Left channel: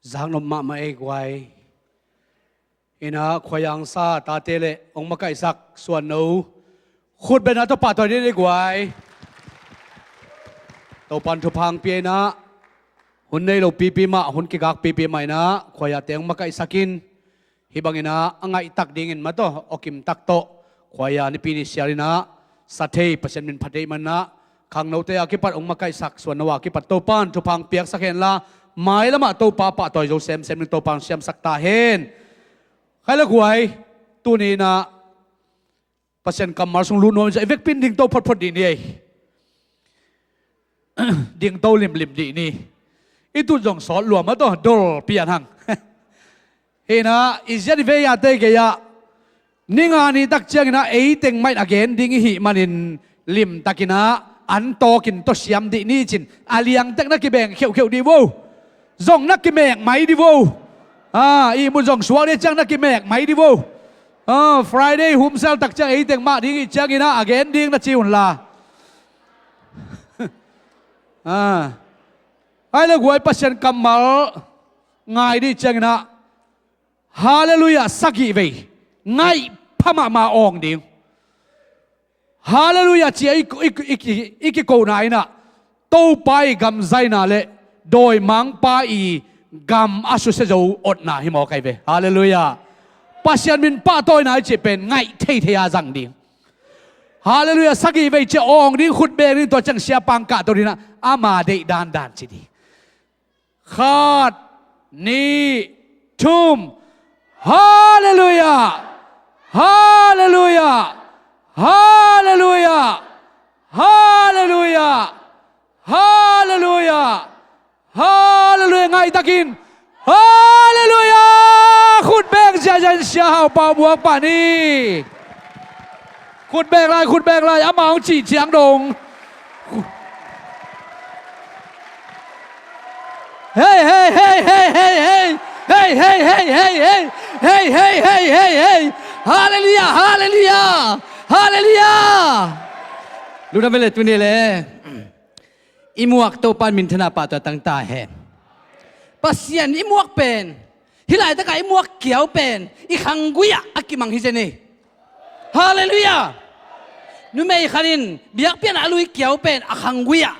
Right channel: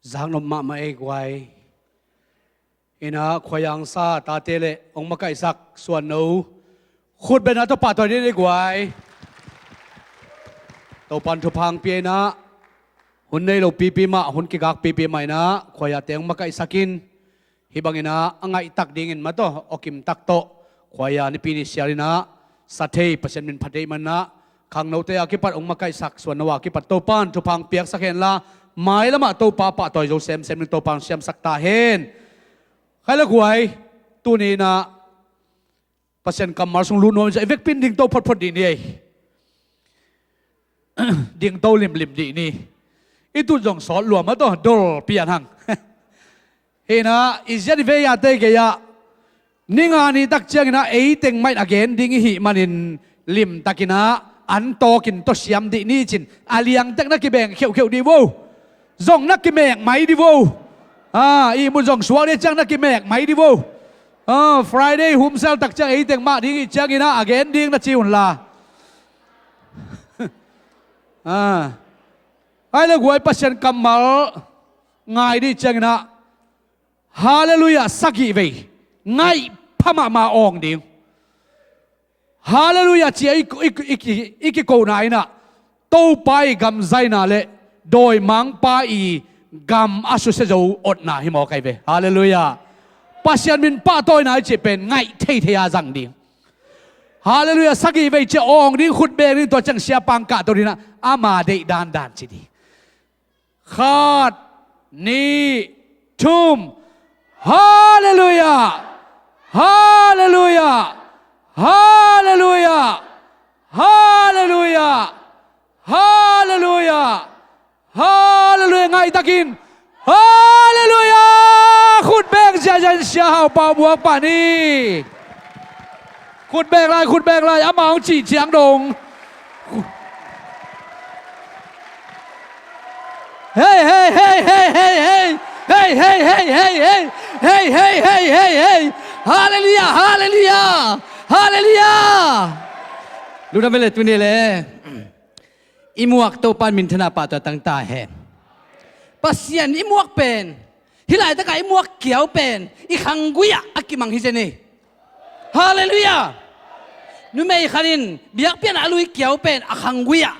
giang nom ma e gwai ina khoyang sa ta tele ong makai sak suan no khut bena to pa to ni gwai to pan thu phang pi na hun nei lo pi pi ma hun ki gak pi pi mai na khoya teng makai sakin hibangina angai tak dingin ma to okim tak to khoya ni pi ni siarina sathei pasen min phatei man na khang no te akipat ong makai sak suan no akipat to pan thu phang piak sakhen la mai lama to pa pa toy jo sem sem to pan sem sakta hen khala guai tu ni na pasen kamar sung lu no ja vek pin ding to phot phot di ni ding to lim lim di ni itu jong sol luam ma to dol pian hang hena izya ni ve ya te ge ya ninga ni tak chang na ei teng mai again ding hi manin lim takina an to kin to siam di ni chin aliang tak na ki beng kheu kheu di wo zong na ki mek mai di wo i mu jong suwa de chang na ki mek mai di wo Friday hum sel tak chang ei teng ma ding i chang ina again ding na chi hun la ai le guai pasien kamal ngai di chang na hallelujah saki ve ngai phama ma ong ding hallelujah chi iki ko nai na to pai gam zai na le doi mang pa i gam asu se jo ot na hi mo kai ve hallelujah pasien min pa toy nai chi pen ngai thei thea jang ding hallelujah saki ve che ong ding khut be ri to chang sia pang ka to ri na ama de dan dan chi di khat ni thum hallelujah hallelujah hallelujah hallelujah hallelujah hallelujah ngai takin hallelujah khut beng sia jan sia hau pa buak pa ni khut beng lai amao chi chiang dong hey hey hey hey hey hey hey hey hey hey hey hey hey hey hey hey hallelujah hallelujah hallelujah lu na bele tu ni le imuak to pan min thana pa to tang ta he pasien imuak pen hilai ta ka imuak kiau pen I khangguya akimang hi jene hallelujah nu mei khanin biak pian alui kiau pen akhangguya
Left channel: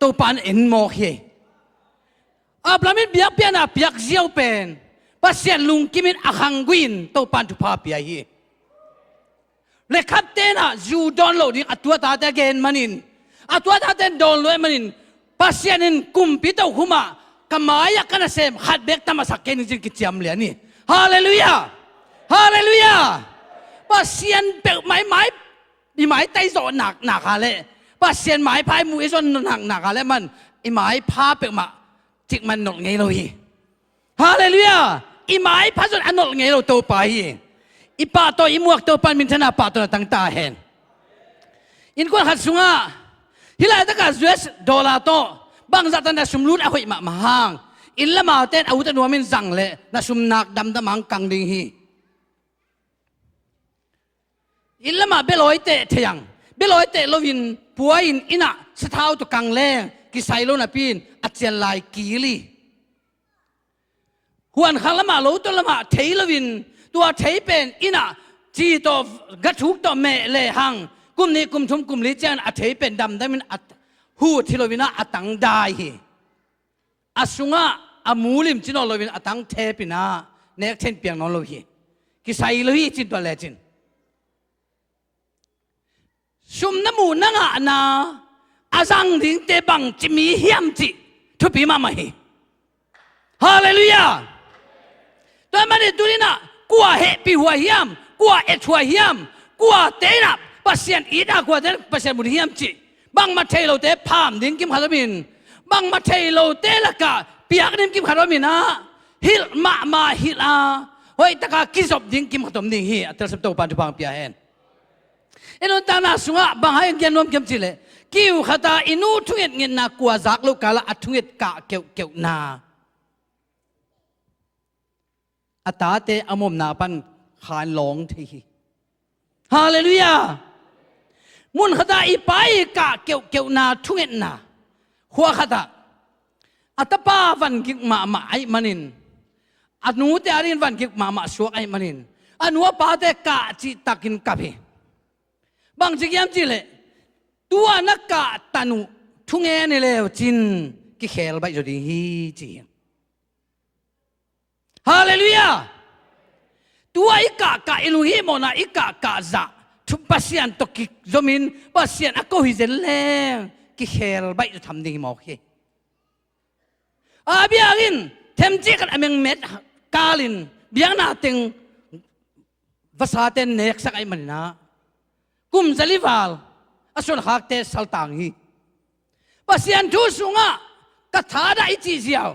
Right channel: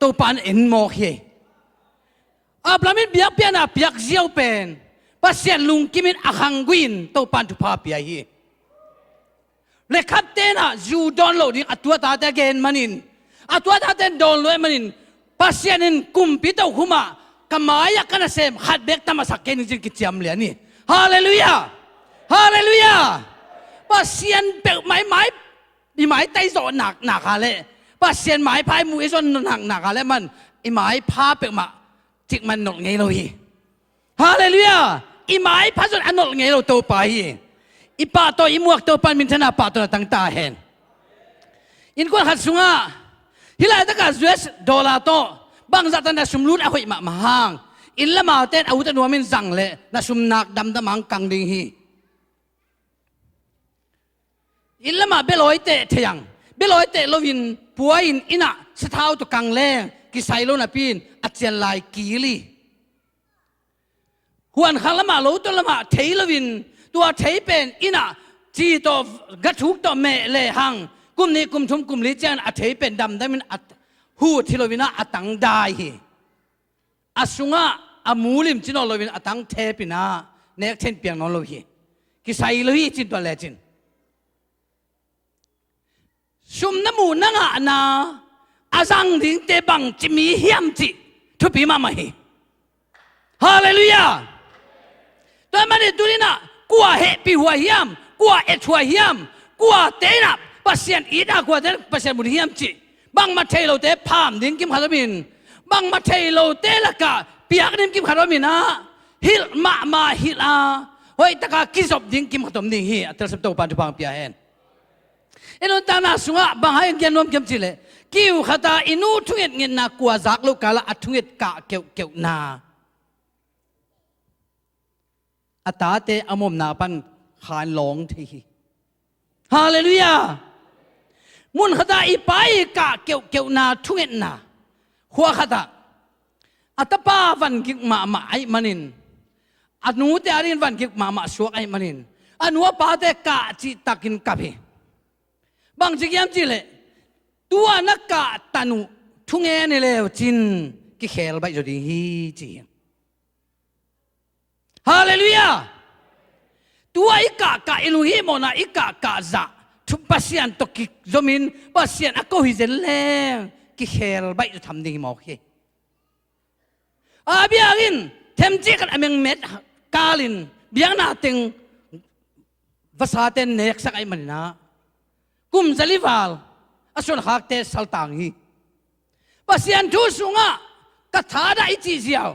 to pan en mo he aplamin biak pian a piak ziau pen pasien lung kimin akhangguin to pan tu pa pia hi le kapten a ju don lo ding atua ta ta gen manin atua ta ten don lo manin pasienin kumpi to huma kamaya kana sem khat bek tamasak ken jin ki chiam le ni hallelujah hallelujah pasien pe mai I mai tai zo nak ha le pasien mai phai mu zo nak ha le man I mai pha pe ma tik man nok ngei lo hi hallelujah I mai pha zo anol ngei lo to pa hi I pa to I muak to pan min thana pa to tang ta hen in ko khat sunga hilai ta ka US dollar to bang za tan da sumlut a hoi ma hang in lama ten au ta nuamin zang le na sum nak dam da mang kang ding hi in lama beloi te thiang beloi te lovin puain ina sathau to kang le ki sailo na pin achian lai kili huan khalama lo to lama theilovin tua thei pen ina chi to gathuk to me le hang kum ni kum thum kum li chan a thei pen dam damin at hu thilovina atang dai hi asunga amulim chino lovin atang the pina nek then piang non lo hi ki sailo hi chin to le chin sum namu nanga na azang ding te bang chimi hiam chi thu pi ma hi hallelujah to mani durina kwa he pi huwa hiam kwa et huwa hiam kwa te na pasien ida kwa den pasien mun hiam chi bang ma thailo te pham ding kim halamin bang ma thailo te laka piak nim kim halamin na hil ma hil a hoi taka kizop ding kim khatom ding hi atel sab to pan tu pang pia hen eno tana sunga bahai ngianom kem chile kiu khata inu thunget ngin na kwa zak lo kala athunget ka keu na atate amom na pan khan long thi hallelujah mun khata I pai ka keu na thunget na khwa khata อัตป้าวันกิกมาไอมันินอนุเตอรินวันกิกมาสวกไอมันินอนุปาเตกะจิตักินกับheบางจิกยามจิเลตัวนักกะตันุทุงเอเนเลวจินกิเขลไปจดีฮีจีฮาเลลูยาตัวอีกะอิลูฮิโมนาอีกะจะทุบปัสยันตกิจมินปัสยันอโกฮิเซเลกิเขลไปจะทำดีหมอกheอาเบียกินเทมจิกันอเมงเม็ดกาลินเบียงนาติงภาษาเต็นเนกสักไอมันนะกุมจะลิวาลอสุนหักเตสัลตังฮีปัสยันทูสุงะกระถาได้จีเซียว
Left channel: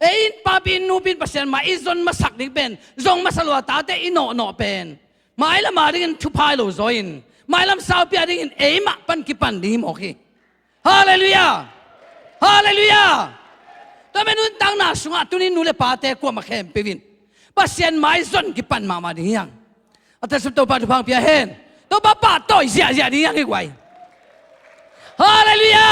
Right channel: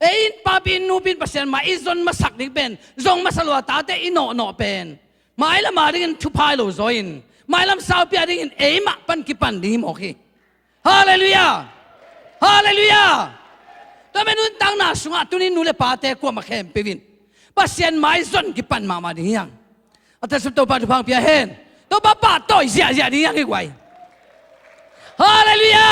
เอ็นปาบินนูบินปัสยันมาอิซอนมาสักนิเป็นจงมาสลวตาเตอิโนเป็นมาไอละมาดินทุพายโลโซอินมาไอละสาวเปียดินเอมาปันกิปันดีหมอกฮีฮาเลลูยาฮาเลลูยาแต่เมื่อนุ่นตั้งนาสุงะตุนินูเลปาเตกัวมาเข้มเปวินปัสยันมาอิซอนกิปันมาดียังอัตสุดตัวปาทุพังเปียเฮนตัวป้าต่อยเสียดียังไงไว้ฮาเลลูยา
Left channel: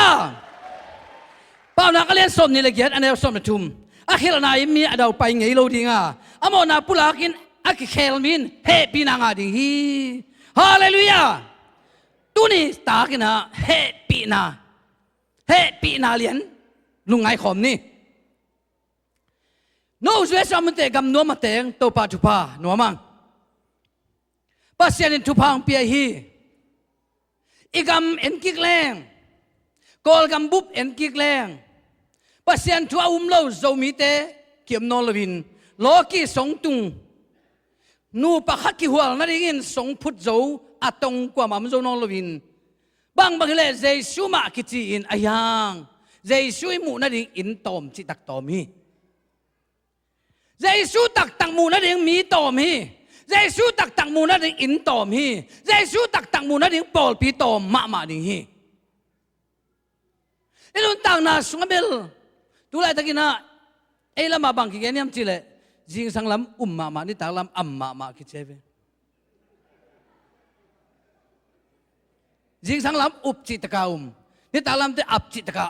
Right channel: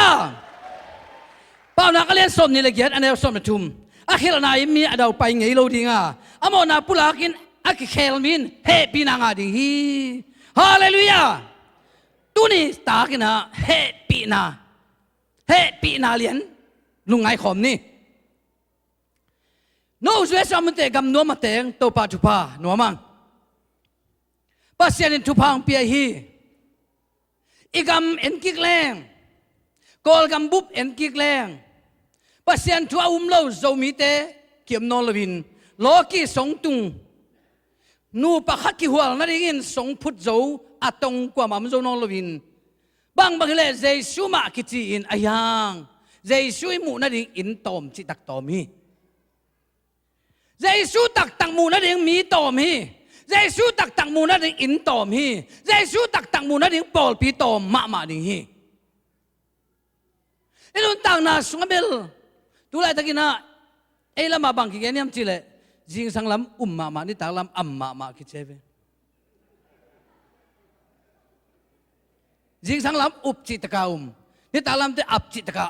ป้านักเรียนสมนี่เลยเกียรติอันนี้สมนะทุมอาคิลนายมีอดาวไปไงเราดีงาอามอนาปุลากินอาคิเคลมินเฮปีนางาดีฮาเลลูยาตุนี่ตากินะเฮปีนาเลียนลุงไงขอมนี่โน้ช่วยสามเตกำนัวมาเตงตัวป้าทุพานัวมังปัสยันทุพังเปียฮีอีกำเอ็นกิกแรงกอลกำบุบเอ็นกิกแรงปัสยันทัวเล่าโจมีเตเกี่ยมนอลวินโลกีสงตุงนูปะขักกิหัวนั่นเองสงพุทธโจอัตงกว่ามันโจนอลวินบางเลเจสุมากิจีอินอายังเจสุยมูนั่นเองอินตอมจิตักตอมีเจสุตักมูนั่นเองมีตอมีเจสุตักมูนั่นเองอินตอมฮีเจสุตักมูนั่นเองปอลปีตอมมาดิฮีไอ้ลุนต่างนาสุงเบลดูแลตะกินะไอ้ละมาบังกิเกนี่ยมจิเลจิงสังลำมานี่ตางลำมาคิดเชฟจิงสังลำจิตกานี่ตางลำที่จิตกา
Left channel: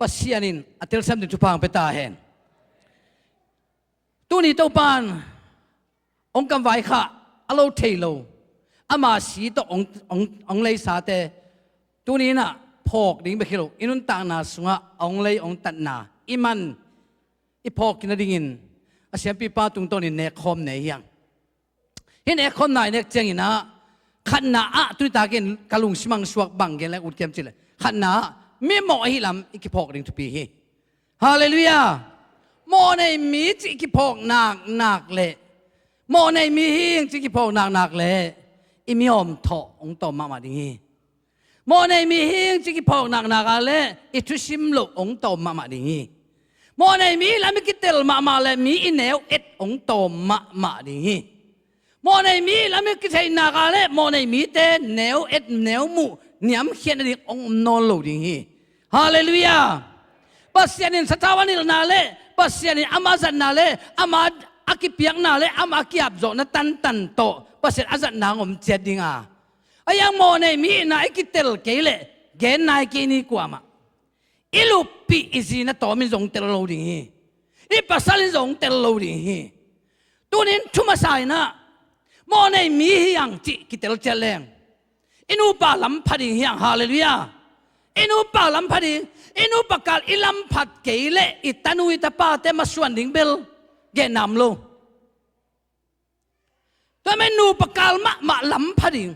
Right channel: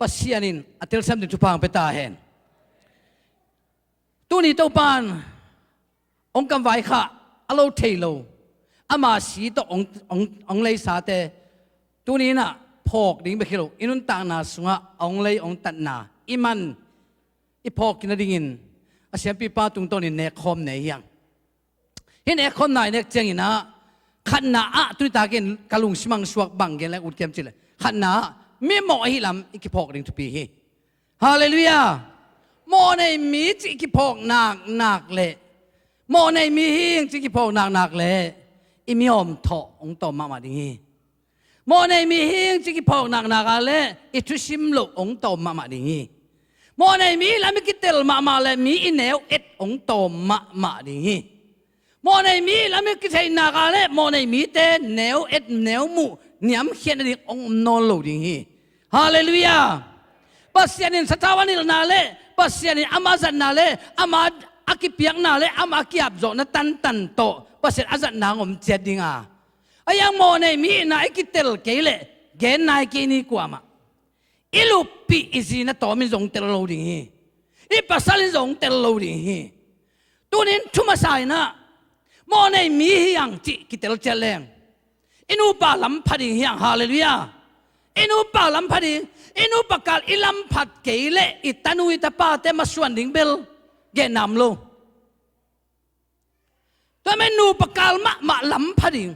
ปัสยานินอัตเลสัมดิทุพังเปตาเฮนตัวนี้ตัวปานองกำไว้ค่ะอโลเทโลอามาสีตัวองเลยสาเตตัวนี้น่ะพอกดิ้งไปคิโลอินุนต่างนาสุงะองเลยองตัดนาอิมันอีพอกกินดิ้งินอาเซียนปีป้าตุงตัวนี้เนคคอมเนียงเห็นเนคคอมไหนเนคเจงินะขันนาอะตุยตาเกนกะลุงสมังสวกบังเกนและอุดเทียมจิเลขันนาไม่เหมาะให้ลำอีกพอกดิ้งทุปีฮีฮาเลลูยาโมในมีจิกิพอกนักเลยโมในมีหิงจิกิพอกนักเลยอิมิอมทอองตอมาดีโมในมีหิงจิกิพอกนักเลยอิทุชิมโลองตอมาดีโมในมีลามิกิเตลมาเลยมีอินเนวเอ็ดองตอมาดีโมในมีลามิกิเทนักเลยโมในมีเตเนวเอ็ดเนวมูเนียมเขียนดิองนอลโลดีฮาเลลูยาปัสยานินสตาวานิลนาเลปัสยานิอามาจันนาเลอามาอากิเปียงนาเลอามากิอับโจนตันโตปัสยาอาจันนางอมเจดิงาอายังโมเนมีนาอิกิเตลเกเลเกนนายเกนีกว่ามาอิลูปีอิซีนาโตมิจงเตลโลดิฮีอิปัสลิจงเตลโลดิฮีตัวนี้ทุมาสายนะโมเนมียังจิกิเตลเจเลงอินูปาลัมพัดิฮีฮาเลลูยาอินูปาลัมพัดิอินูปากาลอิลัมพัดเกเลอิตันุอิตาปาเตมาส่วนดิ่งเบลเกนามโลแต่ไม่นูปากาลมาลัมพัดิง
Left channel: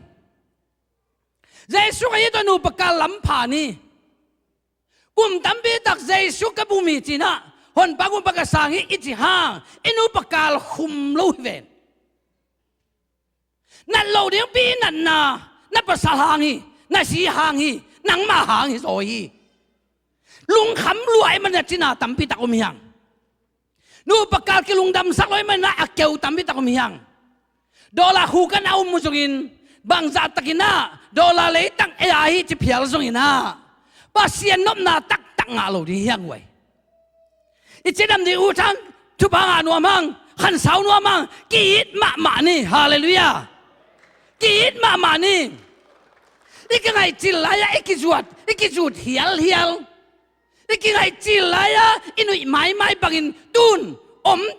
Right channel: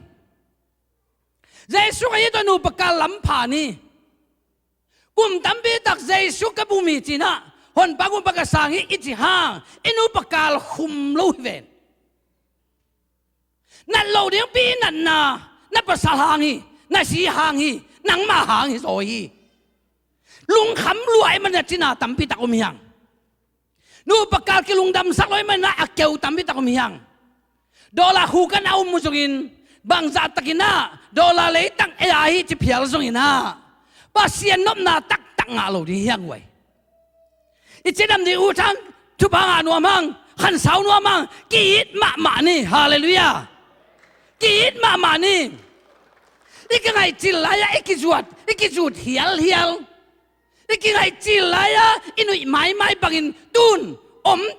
เจสุกยี่ตัวนูปากาลลัมพานีกุมตัมบีตักเจสุกบุมีจีน่าหนปากุมปากาสังฮิอิจิฮางอินูปากาลคุมโลเวนนั่นโลเดียงปีนั่นนั่นภาษาหางฮีนั่นสีหางฮีนังมาหางฮีโซฮีลุงขำรวยมันเนี่ยจีน่าตัมปีตะกุมยังนูปากาลกิลุงดำสักร้อยมันน่ะอักเกวตัมปีตะกุมยังดอลลาร์หูกันเอามุสลิมบางจัดตะกิน่าดอลลาร์เลยตั้งAIจะเพียรส่งอินะภาษีนบนาตักงาโลดียังไว้อิจฉาดำดีอุทังทุบหานัวมังขันสาวนัวมังกีดมานี่ฮาเลลูยากีดมานี่ อีกไงจิลายอีกจุดเฮียลอีกไงจิลายอินุยไม่บังอินตุน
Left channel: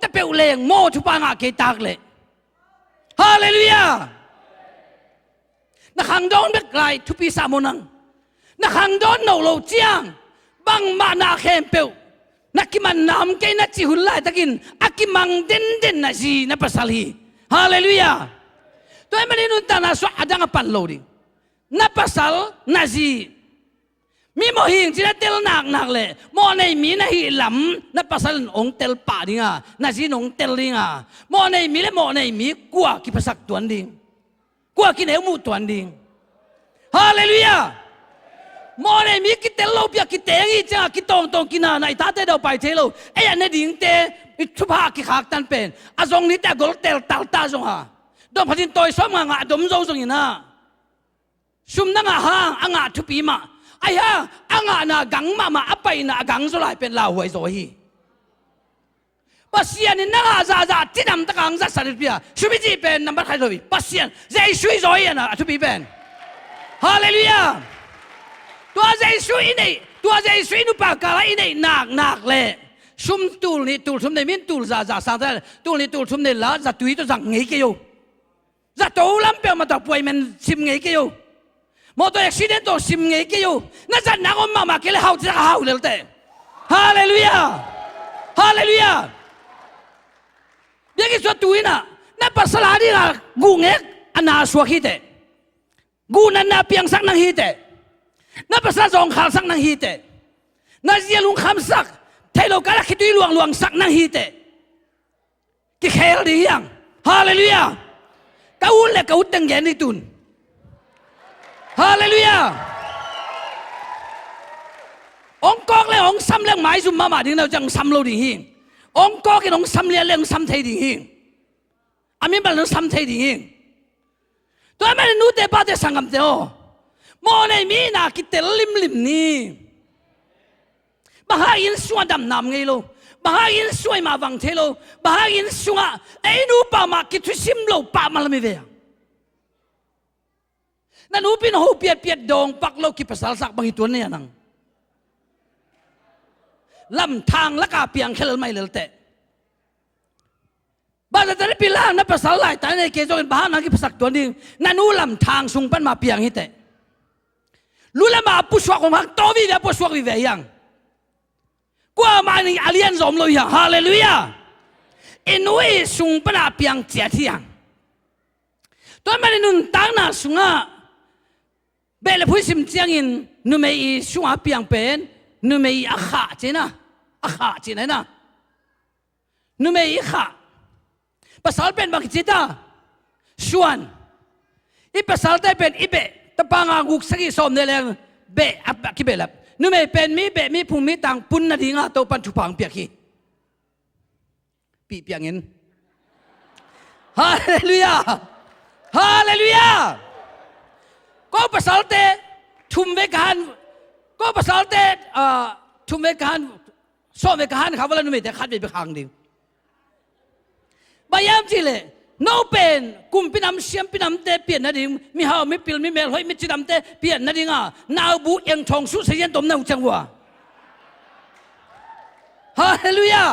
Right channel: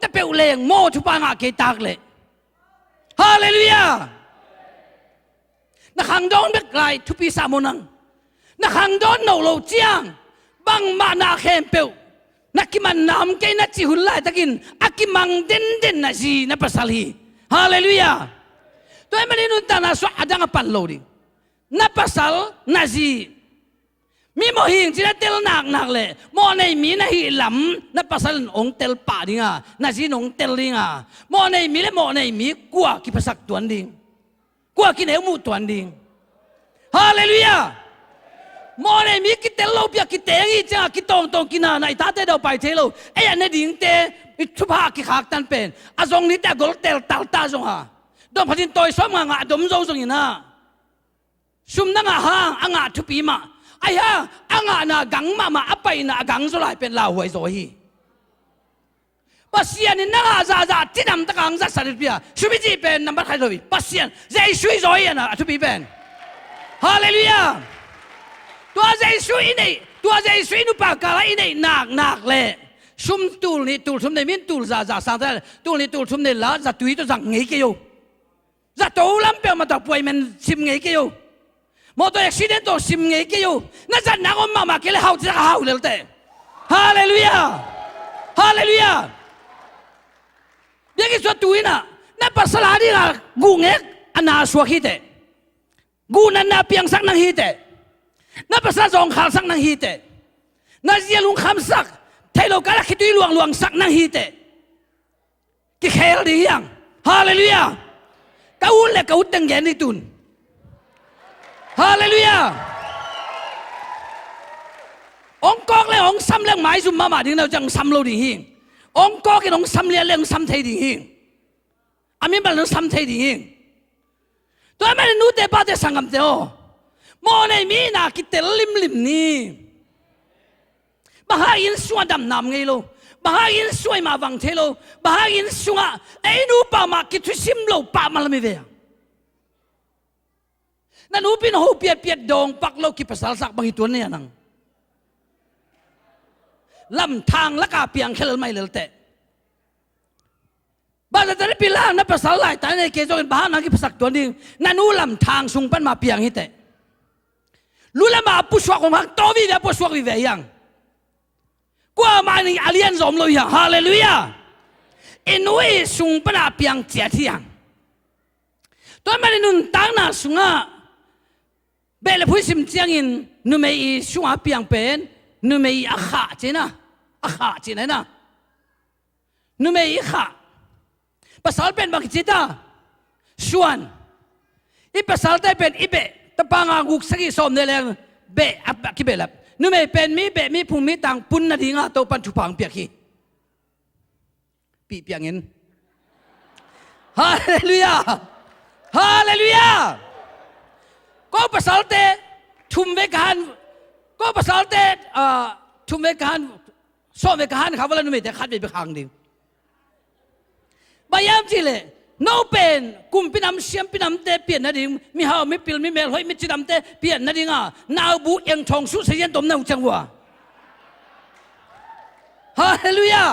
ตะเปวเลงโมทุปางาเกตักเลยฮาเลลูยานักขังโดนเบกไลทุปีสามุนังนักขังโดนโนโลเจียงบังมานาเขมเปวนักกิมันนามเกนักจิหุลไลตะกินอากิมังเด่นนะจีนับภาษาลีฮาเลลูยาตัวมันนี่นุนตานาสวะดังปันโลดินับภาษานาจีมีโมหิงจีนัดเตลนักเลยโมในมีนะฮิลำนับภาษาองเตลป่าดิงานาจีนองเตลดิงาโมในมีและโมในมีกัวกิภาษาตัวดิงกัวกินเอมูตัวดิงฮาเลลูยาโมในมีกิเตลโลเปียกิเตงอีจ้ากิตองกินาในตาเตเดาไปเทโลเอ้ยเนี่ยดิ่งเตอิทุบากิขากตันเป็นอาจงนี้แต่กอลเตลตาจงฮะดมพัดินตัวสมงาดมโจจงอินะซุมนังฮะอ่างทุปีมาไอ้ฮะอ่างน่ะกังมาอภัยน่ะกังสุไลเป็นลาวไว้โซฮีปัสยานิน่าจ้าที่นำตะกังจะสารพิยาชุบิจีเป็นนับใครเลยปัสยานใจช่วยโซฮีนะทุปีเป็นฮาเลลูยาตัวใจช่วยนี่ตัวใจช่วยนุปากาลอินี่นักเลยซุมตูลนี่ตูลซุมในมินตูลจ้าสังเกตตูลนี่ตูลซุมในลาจะตุยตัวจังเงี้ยกี่อยู่จะโตล้ำเปียมาตัวป่วยมันชิมเงี้ยกี่อยู่มอเตอร์อุบิเหตุตัวชิมเงี้ยกี่อยู่นั่นจะนักอมมาเกลือฮาวเลยเต้ฮาเลลูยาฮาเลลูยาเด็กที่ตัวน่ะนั่นภาษาดีนะกูเงี้ยอันน่าสวกฮิตกูนั่นน่ะเพียงสักนังฮิตนั่นภาษาจงขาสักนังฮิตนั่นเสียลุงคำสักเทโลกาลคิดดูลวงสักนังฮิตที่เขลดียังฮาเลลูยาเขาเล่เขาตั้งใจนี่ตุนฮาเลลูยาองกอกเลยองซ้ำเลี้ยงไม้ซุ่มมาดิ่งเราจังซ้ำโลดิ่งหิงองกอกกินองซ้ำเลี้ยงซ้ำเทดิ่งหิงอามีบัลลังซ้ำเทดิ่งหิงตัวมันนู้เตป้าเตสังกัมเตโอโมในมีนาคิดเตลิมนี่บ้าอินสวดดำน้ำไงโลบ้าอินสวยมาวังเทโลบ้าอินสวะไอ้นูป้ามาคิดทุสิมโลป้ามาละไม่เวียนั่นนูปินหูเปียดดองปักโลกิภาษาสักบางตัวเนี่ยนังลำทางละกาเปียงเคลไม่เลเตบ้านจะได้พิลานับภาษาหลายแต่ในเกจเป็นบ้านนังกิภาษาตัวนี้นั่นนูลำทางสุงปันมาเปียงฮิเตรู้ละมาผู้สวกของมันโตวิเวผู้สวกวิเวยังกว่ามาในอาเลียนสมเลยฮาเลลูยาอินุยสุงปันมาเปียงเจียที่ยังตัวมันนุนตั้งน่ะสุงะเบลผู้สิมเจียงอินนุเมย์สุงะเปียงเป็นนุเมย์อาขาเจนะนุเมย์ขาภาษาเป็นบางจิตาส่วนอีภาษาได้เป็นอีเบตะปางากุกสกิสมเนเลงเบอับกิเบลับนุเมย์เป็นมีเบมีภูมิต่างปุ่นนาดีงาโตปันทุพังเปียกีปีเปียงเงินฮาเลลูยาฮาเลลูยาก็ภาษาเตทุมเวกันก็ภาษาเตทุมเวกันโซเวกันเขาว่านุเมย์แต่ขัดไปขังดิ่งบายามจีเลยโนเป็นกุมพินำเสียมพินำเตเปลี่ยนนั่นเองมีฮาวมีปิลมีเมลเฮ้ยมีจินำเตเปลี่ยนนั่นเองนาวบุเองทองสุเสียนตมนาวจังวะฮาเลลูยา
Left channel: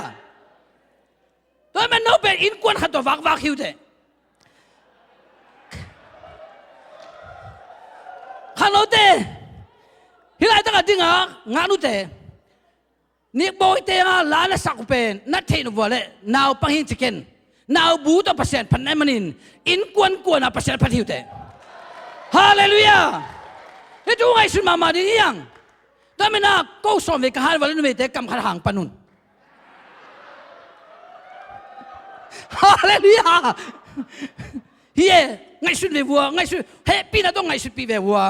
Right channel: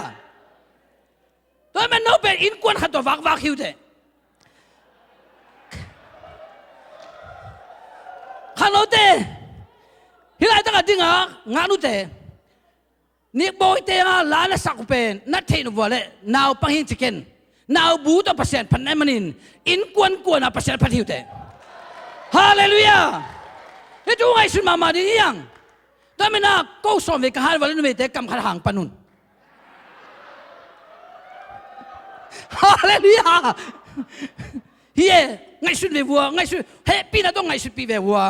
ตัวมันโนเป็นอินกวนขัดตัววักฮิวเตขันโนเตฮิลายตั้งแต่งานุเตนี่บอยเตงาลาเลสักเป็นนัดเทนวัวเล่นาวปังหินจิเกนนาวบูตพัศน์พันในมันินอินกวนพัศน์พันหิวเตฮาเลลูยาเฮ้ยดูไงสุนมาดียังแต่ไม่น่าก็สอนเวกหาวันนี้เตะกำขัดหางปนุนฮาเลลูยาเฮ้ยไงสุดเววัวไงสุดเฮ้ยปีน่าต้องไงสุดปีเววัว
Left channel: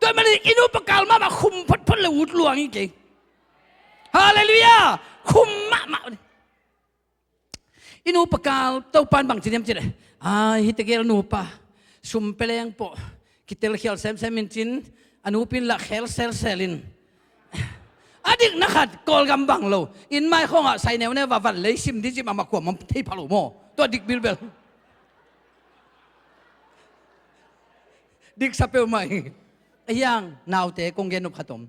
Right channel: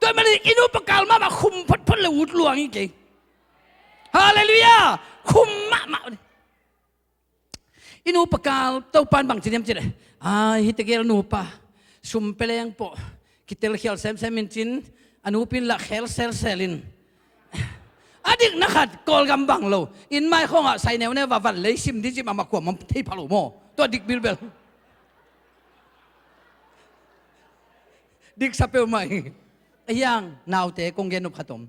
ตัวมันอินุปกาลมาคุมพัดเลยอุดลวงอีกทีฮาเลลูยาคุมมาอินุปกาลเต้าปานบางทีเนี่ยมันจะได้ฮิตเกลนูปะสุมเปลียงปอคิดเตลเขียลเซมมินจินอนุปินละเขลเซลินอดีตนักขัดกอลกำบังโลอินไม่คงใส่แนวเนี่ยว่าวันเลยซิมดิจิมาขวบมันที่พะโลโมตัวดิกบิลเบล ดิกสเปลไม่ไอ้ยังนาวเตะกงเกนุขตม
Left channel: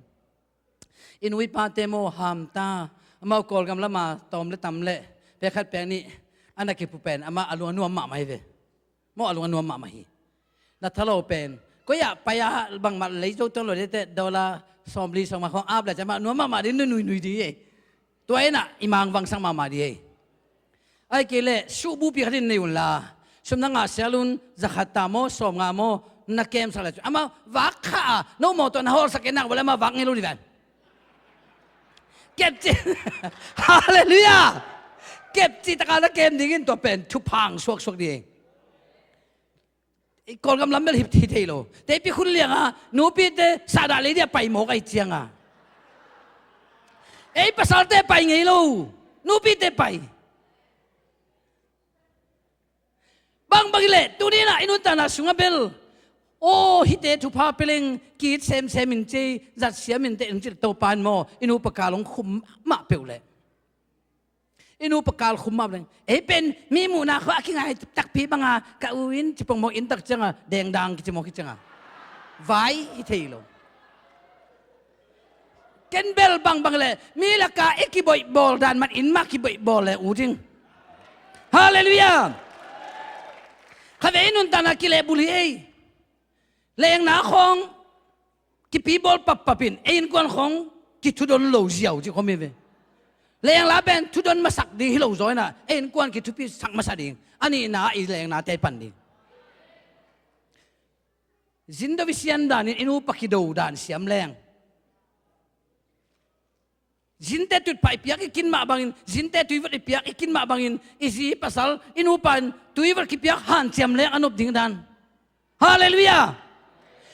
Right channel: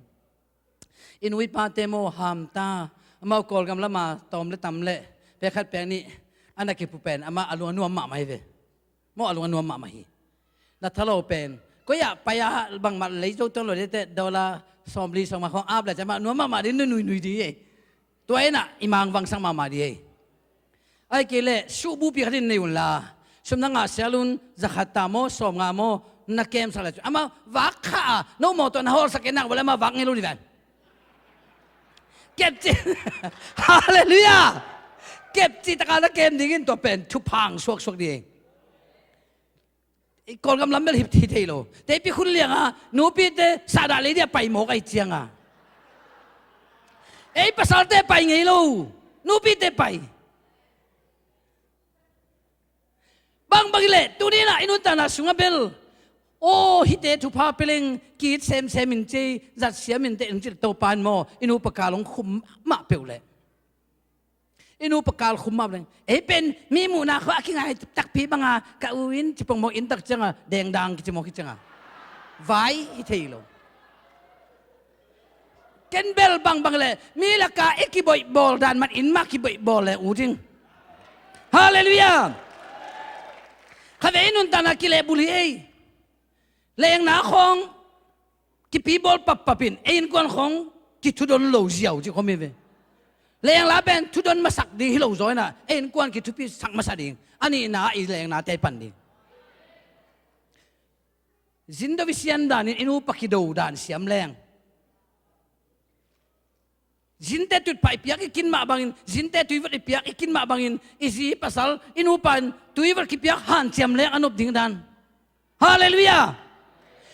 อินวิปาเตโมหามตาอามากอลกำละมาตอมและตำเละไปขัดแปลงนี้อันนั้นคือผู้เป็นอามาอารมณ์นัวหมาไม่เว้มออารมณ์นัวหมาไม่นัทเราเป็นก็อยากไปบางมาเลยจุดต้นเลยแต่ดอลลาร์สอมลีสองมาของอาบแล้วจะมานัวหมาดินุ่ยดีตัวเองน่ะอิมังวังสังมาดีไอ้เกล่สูบุปีขัดในวันละสมนังอาเซลุนจะขัดตามโมสอมงามโมนักเกมสักแล้วอามาวักข้าโนโมตัวนฮอลสักนักวันละมาวักเงี้ยรู้ดีกันเก็บจีฮาเลลูยาเก็บจีตะการเกมดิ้งตัวเป็นทุบพังสวกดีก่อนกำลังเป็นหิบทีเทโลแต่พี่คุณเลี้ยงอ่ะหนูพี่เตสาดาเลยเดียไปหมกไอเจียงอ่ะภาษาเตไปไงลูหนูพี่เตไปบางเลยตัวนี้นะอินุตานาสุงเบลโอ้ฮิเตทุพาเปลิงกีดเซมมินเจจัดเสียมินเตอินจิตโตปานโมอินุปกาลงคุมมาเปลเลยอินุปกาลคุมมาเลยเป็นมีมูนาเขาคิงไงตักพีบังอ่ะกะวินจิปงโมอินตักจังอ่ะแดงดังกิจโมกิจังอ่ะไว้ฮิเทโลเกนเบลบางเลยมีลักกะเอกิบอยบอลดันมันอินมากิบอยบอลเลยอูจิงฮาเลลูยาข้าเวนุนตานากิเลบุลีเลี้ยงหนาของกิปีบอลปับปินเอ็นกวนของกิทุดนโลเจียวจีเขาไม่เวเลี้ยงลาเป็นทุดนมาสักดีฮิโลจอยนะเอ็นกวนกิทุปีสักมาสักดีอันนี้นาอีเลี้ยงนาเตปันดีจินดวิเซียนดานิอินูปักกิโดดานเสียมแรงจินเตตุไปเปียกกินมาบางอินจินเตตุยวัดเปียกกินมาบางอินอิซีภาษาอินูปันตุยวัดกิเปียกหันเสียมแรงอนุบดิ้งดานฮาเลลูยา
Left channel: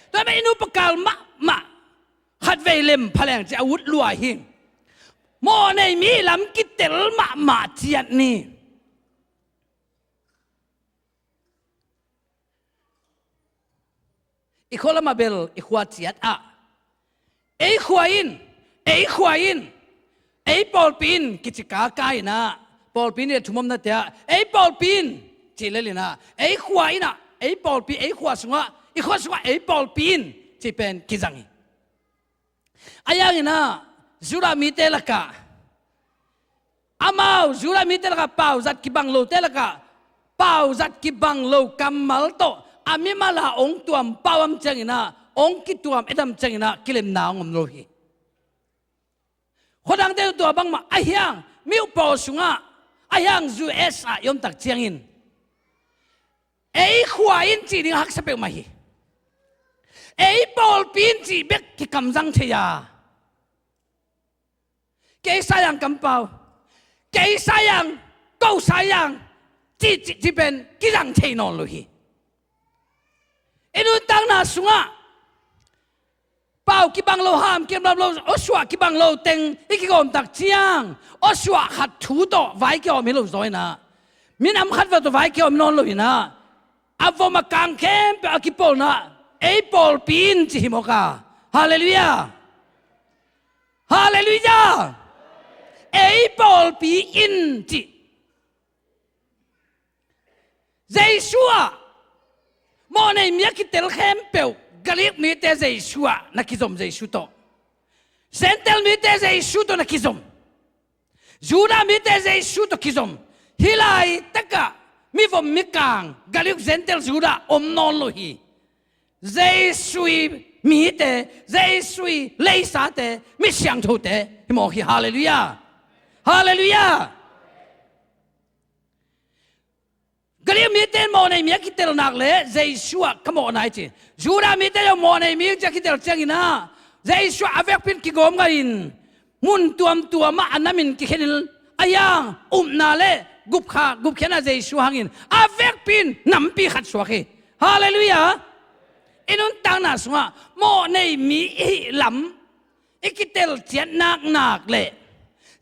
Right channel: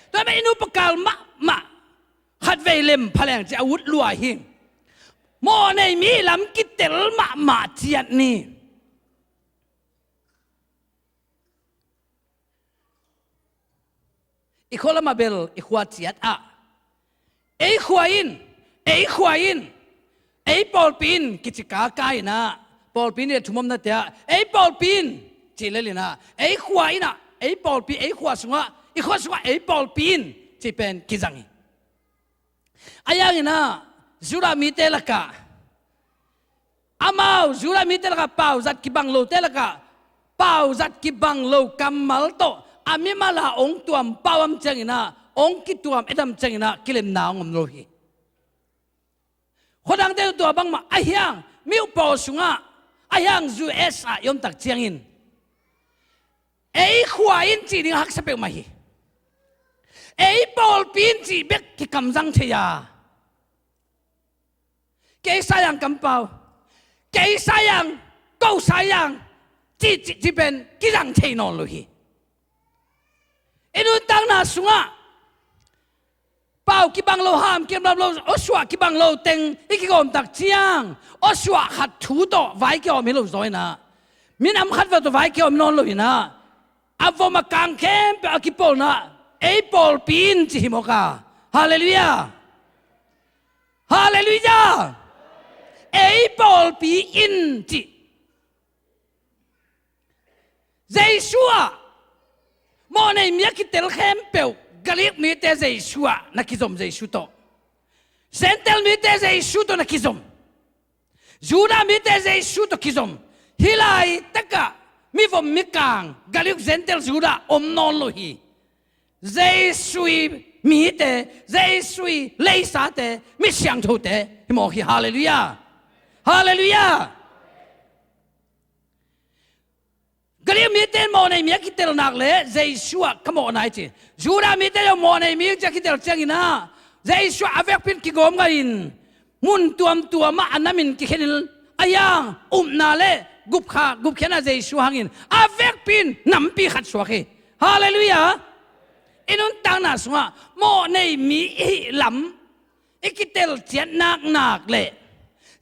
แต่ไม่อินูปกาลมาขัดเวลมพลังจะอาวุธลัวหิงโมในมีลำกิเตลมาเจียนนี่อีกคนละมาเบลอีกขวาเจียดอ่ะขวาอินปอลปินกิจการกายนะปอลปินเนี่ยทุ่มนั่นเถอะปอลปินเจริญเลยนะขวาอินอ่ะปอลปินขวาสงะอีกคนสงะปอลปินจะเป็นกิจังอายานี่นะจุรามิเตลกะอามาจุรามิเตลกะเป่าจัดกิบังโลเตลกะเป่าจัดกิบังโลกัมมัลโตอามิมาลาองตัวมเป่ามจังนะองกิตัวมเอ็ดมจังนะกิเลมนางอมโลหิคนดังเดียวตัวบังมาอายังมิวปอสุงะอายังจูเอสอะยอมตักเจียงอินขวาอินจีนิฮักสเปลมาฮีปอลปินจีเบกที่กำจังเทียเกยสายังกำเปาเกยสายังกูสายังจีเป็นกิจังเทียนอนเลยอินุตังนาสุงะเปากิบังโลหามกิบังโลอสวะกิบังโลเต็งอีกกอมตักเจียงอสวะขัดถูโตไว้เกี่ยวมิโลซอยนะมินำขัดว่าตัวไว้เกี่ยวมินอนเลยนะอัฟมากังเข้มไปอากิปอลนะปอลปินจิฮิโมกาฮาเลลูยาปอลปีอินจิเจสัวโมในเมียกิเตลเข้มเปวกะลิกมีเตเจสัวนักกิจมเจสุโตเซนเตลมีเตเจสุโตนักกิจมจูดามีเตเจสุโตกิจมฮิลายตะกะมีฟอมมิกังกะลิกเซนเตลจูดาอมนอนโลฮีเจสุยมีเตเจสุยเลสาเตมิเชียงโตเตฮิโมฮิฮาเลลูยากะลิมีเตโมในมีกิเตลนักเลเจสุอะขโมนายจิจูดามีเตยโมในมีจะกิเตลเจงินะเจสุอะเวกปินกิโกมกันมุนตัวมาอันนั้นมินกิเห็นอายังนาเลกุบเขนะเจสุหังอินอาเวกปินน้ำปีขัดสวกฮาเลลูยาอินุนตังนาสงะโมในมีลำอิกิเตลเจียนักเลย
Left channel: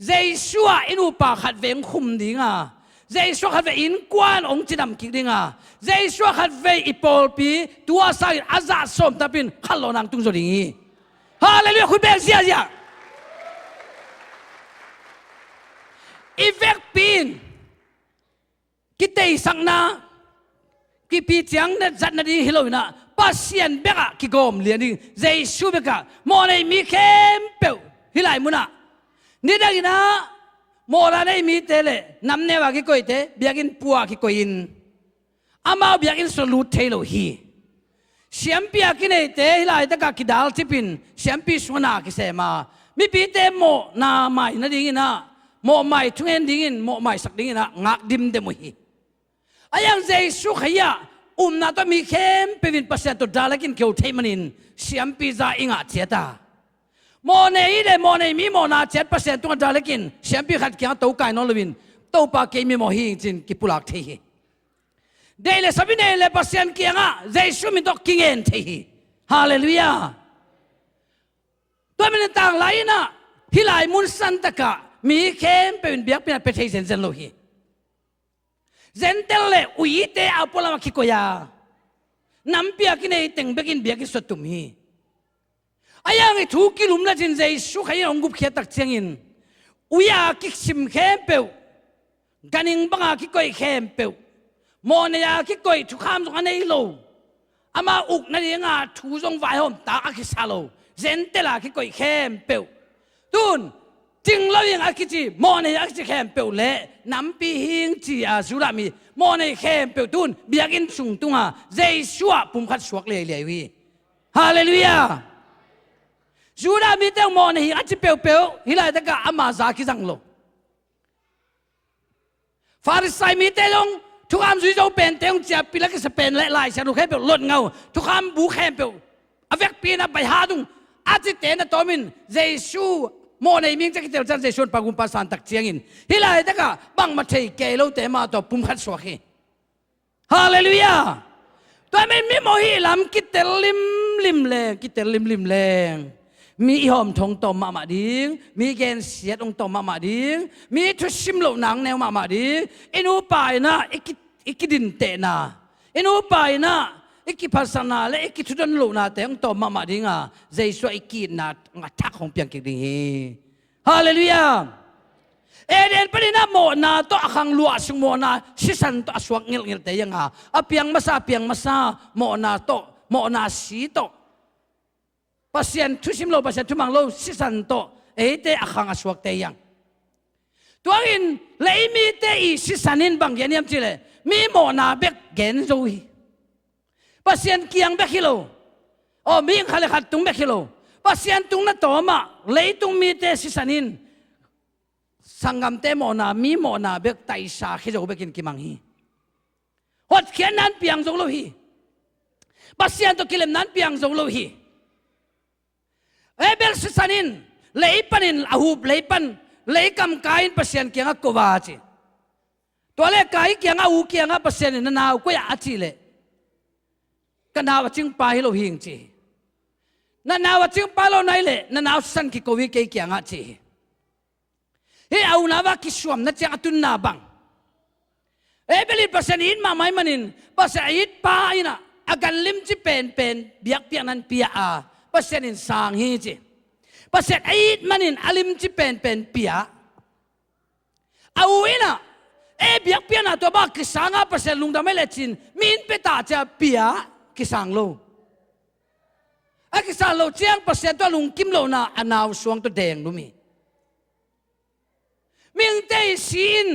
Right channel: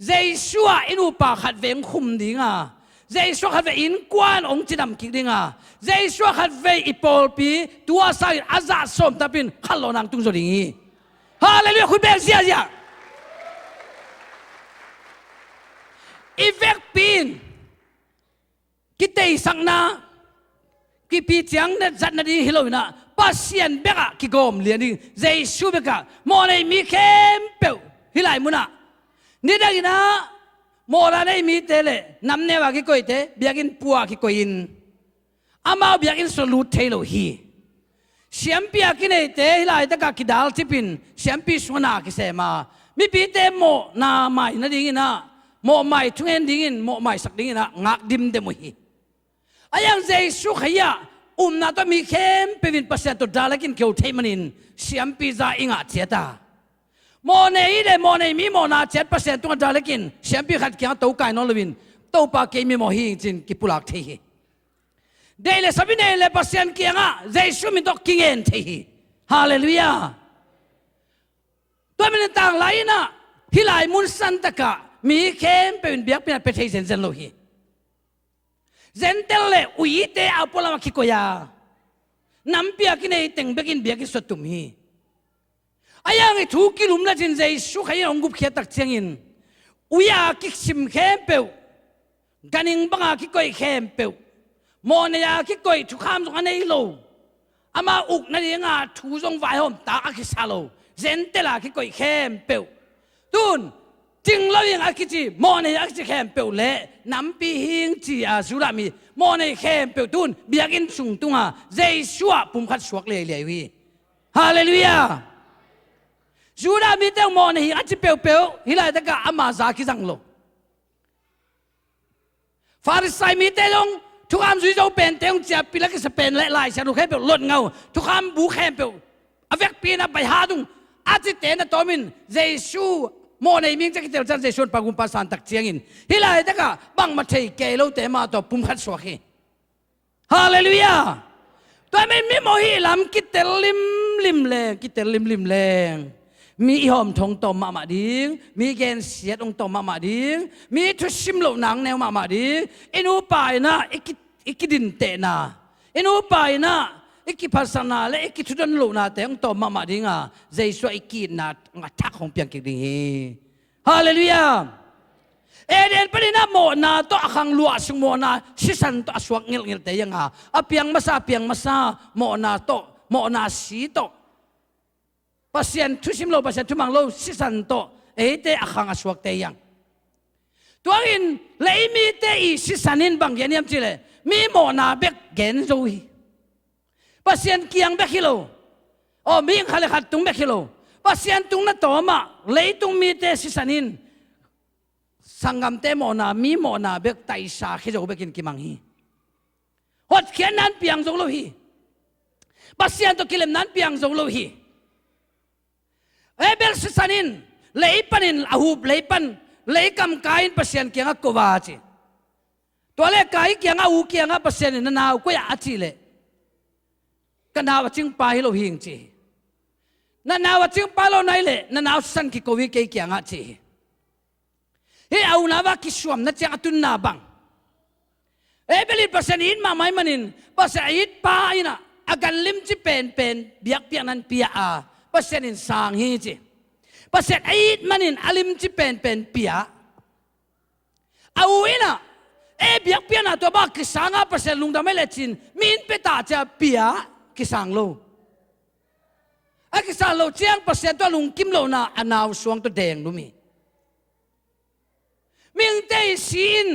เจสัวอินุปาขัดเวงคุมดิงาเจสัวขัดเวอินกวนองจิดำกิดิงาเจสัวขัดเวอิปอลปีตัวใส่อาซาสมตาปินขัลโลนังตุงโจดิงฮาเลลูยาคุยเบลเซียอีเวกปินกิเตสังนากิปีจังเนจัดนาดีฮิโลวินะ pasien beka kigom lian ding Jesu beka mo nei mi khem pe hilai muna ni dagina mo la nei mi tele namne wa ki koi te biakin puwa ki koin ama biakin solut thelo hi siampi akine te hilai ta ka kidal chipin siampi sona ki sema mi pi te mo na mai na dingina mo mai thungen dingin mo mai sak dingina ngak dim de mo hi ayang Jesu khaya na to mi khem pevin pasya to dalakin keu theimanin siampi za inga thiata mo nei de mo nei mi mo na chet pasya to dalakin siampi khat kya to kai no lewin to pa ke mi mo hi chin ki pulak thei hi dele sabine le pasyan kianga Jesu mi dok kingen thei hi hallelujah to min tang laina hilai mun san taka mi khem pevin biak pina pe thei zen lo hi zentel le uite apola makikoya nampia kine teng begin biaki sotum hi ayang i thu kilum la jin Jesu khaya ongup khia tak chengin uya ki sim khem pe ganing banga ki koi khem pe mon ya ki koi thu kham jong anei lo ama uk na nga thu jong vai hom ta ki salo zentela ki koi khem pe tun ting lo yang akichi mo nei akichi khem pe le nam pi hing chi a sura mi mo nei khem pe tun biakin sung tunga Jesu a pum khat suak le le wi hallelujah sura mi te mo nei achi pe pe hilai ta ka ama za ki jang lo farisai mi te long thu am zui zo pen teng chia pilak se pen le lai sa ru khem pe lot ngau thu am bu khem pe avek pi na bai ha dung achi te na tomin Jesu mo nei ming chaki tel chan Jesu pagum pa san tak chiangin hilai ta ka bang ma thei ke lo te ma to pum khat suak hi hallelujah to mi mo hi lam ki tel lim le mi hom thong tom ma ding mi gen siat ong tom ma ding mi thu sim lo nang neu ma ding inu pai na ikidin te na inu pai na ikipasana le ikithudon lo na te ong tom ma ding a Jesu ikin na nga thak hong piang ki ding hi hallelujah eden palina mo na to akhang lua sung mo na sisan to aswak ngil te yang a apiang masa mo na si to pasien thusim lo pasien thumang lo sisan to ete akhang aswak te yang tuangin leimi te i sisanin bang yaniam chile mi mo na bek gen zo hi pasien kiang bek hilo o mi khale khat tung bek hilo pasien tung na to ma leitung mi te sisanin sangam te mo na mi mo na bek tai sa khizo bekin kimang hi hot khian nan piang zo lo hi pasien to kilem nan piang zo lo hi ebel sisanin leipanin ahub leipan leikam kain pasien kianga kowa chi tole kai kianga u kianga pasien na naw ko ya chi le kanawa ching pa hi lo hing chi na nawa ching pa lo nai le na naw san ki kowi ke kianga chi he au na wa ki suam na cha atun na bang ebeli pasien in ma mai manin pasien it pa ina agan lim chi pen biak pian nan pia a pasien in sang hi chi pasien ait manin alim chi pen pia au ina e biak pian na to ba ki sanga pasien lungdam le chin min pe ta cha pia ki sang lo a ki sang lo chiang pasien to lung kim lo na anaw suang to deng lumi min te sin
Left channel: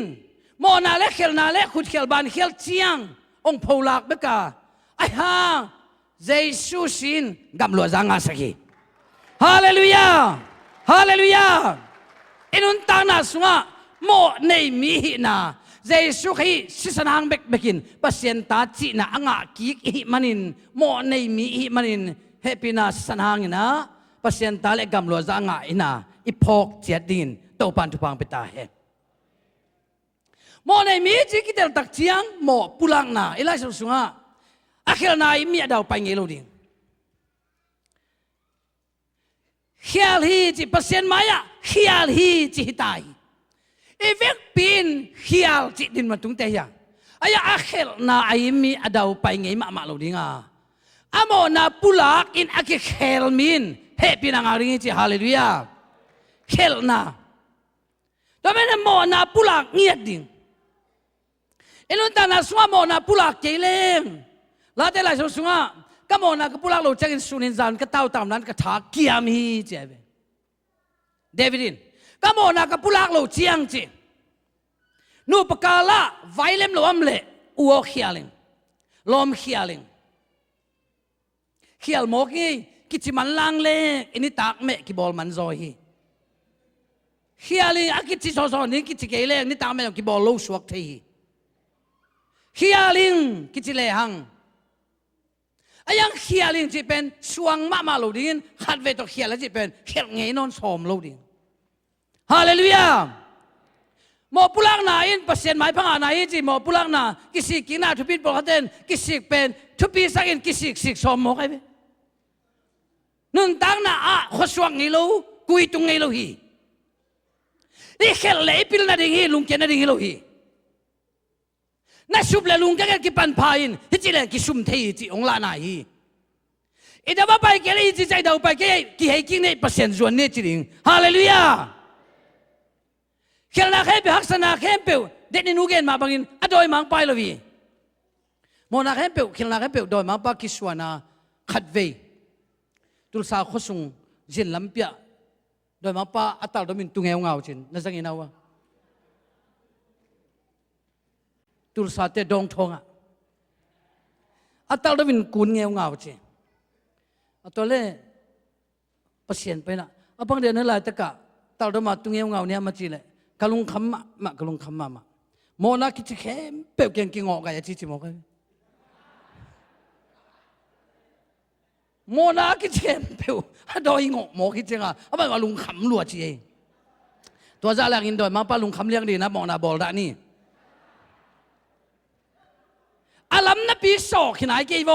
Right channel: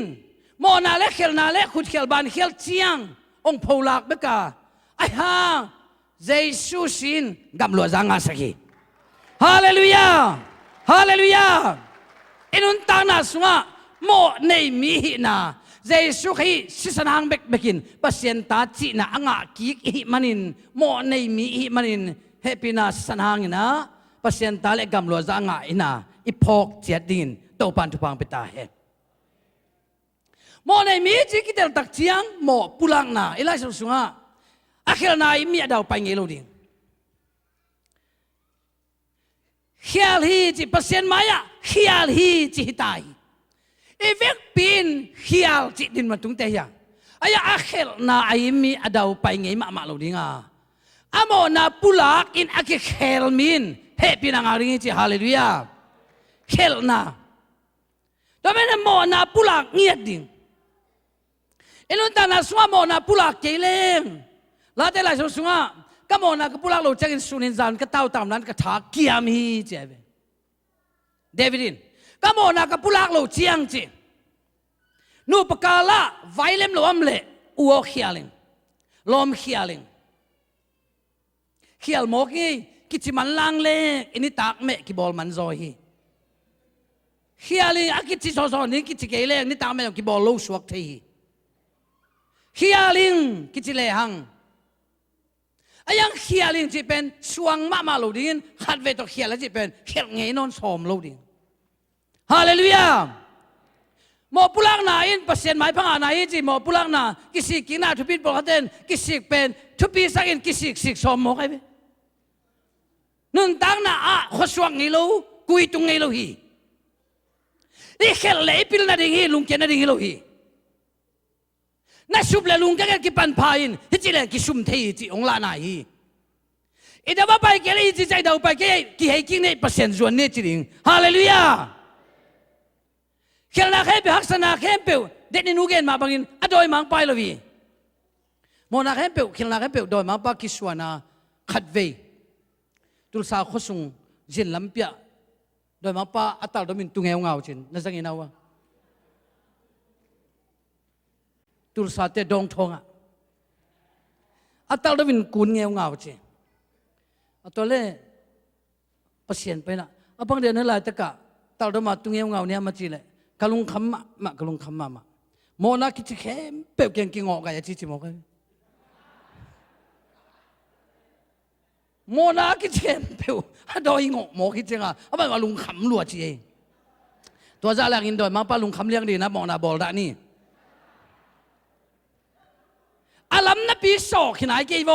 mo na le khel na le khut khel ban khel chiang ong pholak beka ai ha Jesu sin gam lo zanga saki hallelujah hallelujah inun ta na sunga mo nei mi hi na Jesu khi sisanang bekin pasien ta chi na anga ki hi manin mo nei mi hi manin happy na sanang ina pasien ta le gam lo zanga ina ipok chiat din to pan tu pang peta he mo nei mi chi ki tel tak chiang mo pulang na ila sunga akhir na mi adaw pa ngelo ding khial hi chi pasien maya khial hi chi hitai evek pin khial chi din matung te ya aya akhir na ai mi adaw pa ngei ma lo dinga amo na pulak in aki khel min he pinangaring chi hallelujah khel na tamen mo na pulak ngiat ding elon ta na swa mo na pulak keleng la te la sunga ก็มองนะก็พวกเราจะกินสุนินจานก็เต้าตามนั้นก็ถาเกียมฮีเจ็บเดวิดินก็มองนะก็พวกเราเจียงจีนูปกาละไวเลมลมเละอัวเขียลิงลมเขียลิงเขียลโมกี้กิจมันลังเล่อันนี้ตากเมกิบอลมันซอยฮีเขียลิงอากิจโซโซนี่กิจเกเล่นี่ตากเมกิบอลลูสวกทีเขียลิงกิจเลหังยังเขียลิงจีเป็นสวงมาโลดินขัดเวทเขียแล้วจีเป็นเขียเงยนอนสมโลดินฮาเลลูยาหมอปุลักนาอินเปอร์เซ็นต์หมายพังอานาอินจีหมอปุลักนากิสิกินาทุบิดบอกเต้นกิสิเป็นทุบีสักอินกิสิสมหมอกไอ้เบ้นึ่งตั้งน่ะขสวงนี่โลกุยตุงนี่โลฮีนี่เขียเล่ปิลนาดิ่งฮีลุงเจนาดิ่งฮีโลฮีน่าสุบเลลุงแกกิปันพายินฮิจิเลกิสุมเทียจิองลานาฮีอีดาบ้าไปแกเลยจิใจดาวไปแกกิให้กินเนี่ยเปอร์เซ็นต์ส่วนเนี่ยจริงฮาเลลูยาเขียนนาเข้มเปหักษณะเข้มเปวเด็กนี่นูเกนมาบังอินอดอยมังไปเลยวีโมนาเข้มเปวเขียนนาเข้มเปวดอยมังปากิสวานาขัดเวตุลสาขสุงจินลำเปียดอยมังปาอัตตาดมินตุงเงาเงาจินนั่นสังเกตเอาวะตุลสาเตดองทองอ่ะอัตตาดมินกุนเงาเงาจิอัตตาเล่เปอร์เซ็นต์ไปละอับังเดียนนั่นหลายตะกะตาดมาตุงเงาเงาเนี่ยมาจีเลยกะลุงคำมะกะลุงคำมาโมนาคิดเข้มเปลวเก่งกิงออกกันจิโมกันโมนาคิดเข้มเปลวดอยงอกโมคิดเจงอ่ะเอาไปว่าลุงคำรัวจีตัวจ่าแรงอินดอยมาป้าลุงคำเลี้ยงดีนะมองนาบอลได้นี่อาลัมนับปีสอกขนาดกี่ว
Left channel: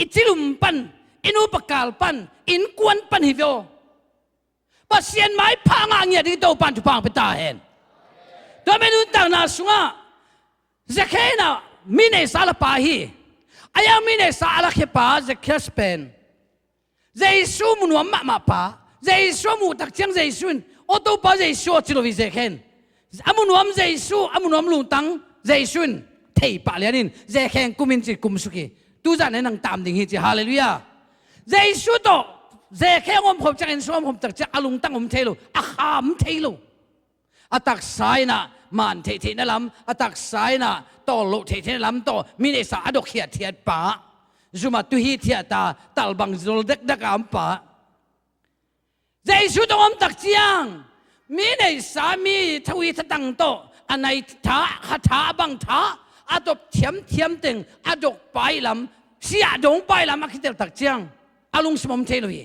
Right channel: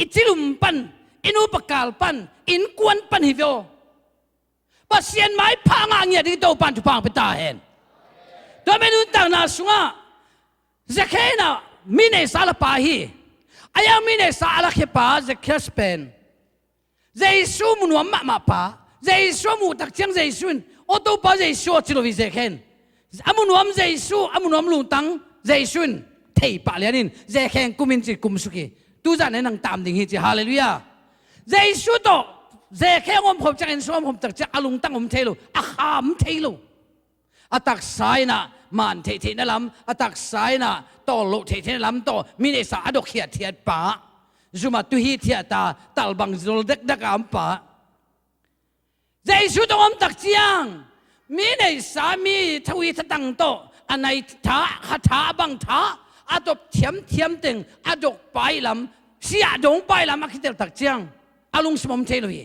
อิจิลุมปันอินุปกาลปันอินกวนปันฮิโวปัสเซียนไม้พังอ่างเนี่ยที่โตปันทุพังไปตาเห็นตัวเมนูต่างนาสุงะจะแค่น่ะมินเอสาลปาฮีอายังมินเอสาลเขปาจะแค่สเปนเจสูมุนวมมาปาเจสูมุตักเชียงเจสุนโอโตปาเจสูจิโรวิเจเคนอามุนวมเจสูอามุนวมลุงตังเจสุนเทปะเลียนินเจเคนกุมินจิกุมสุกีตูจานในนังตามดิ่งฮิจิฮาเลลูยาเจสูโตเจแค่อมผมจะเห็นสวมผมตักจะอลุงตั้งผมเทโลอาขามเทโลอาตักสายน่ะมันเทนั่นลำอาตักสายน่ะต่อโลเทนั่นลำต่อมีเนสาอดอกเขียดเทียดป่าจุมาตุฮีเทียตาตัลบังโซลเด็กดักอัมป่าเจสุตอมตักเจียงมีเนสามีทวีทตังโตอันไหนท้าขัดท้าบังท้าอาดอกเทียมตึงอาดอกไปลำเสียดงไปลำมาคิดแต่ตักเจียงอลุงสมเทโลย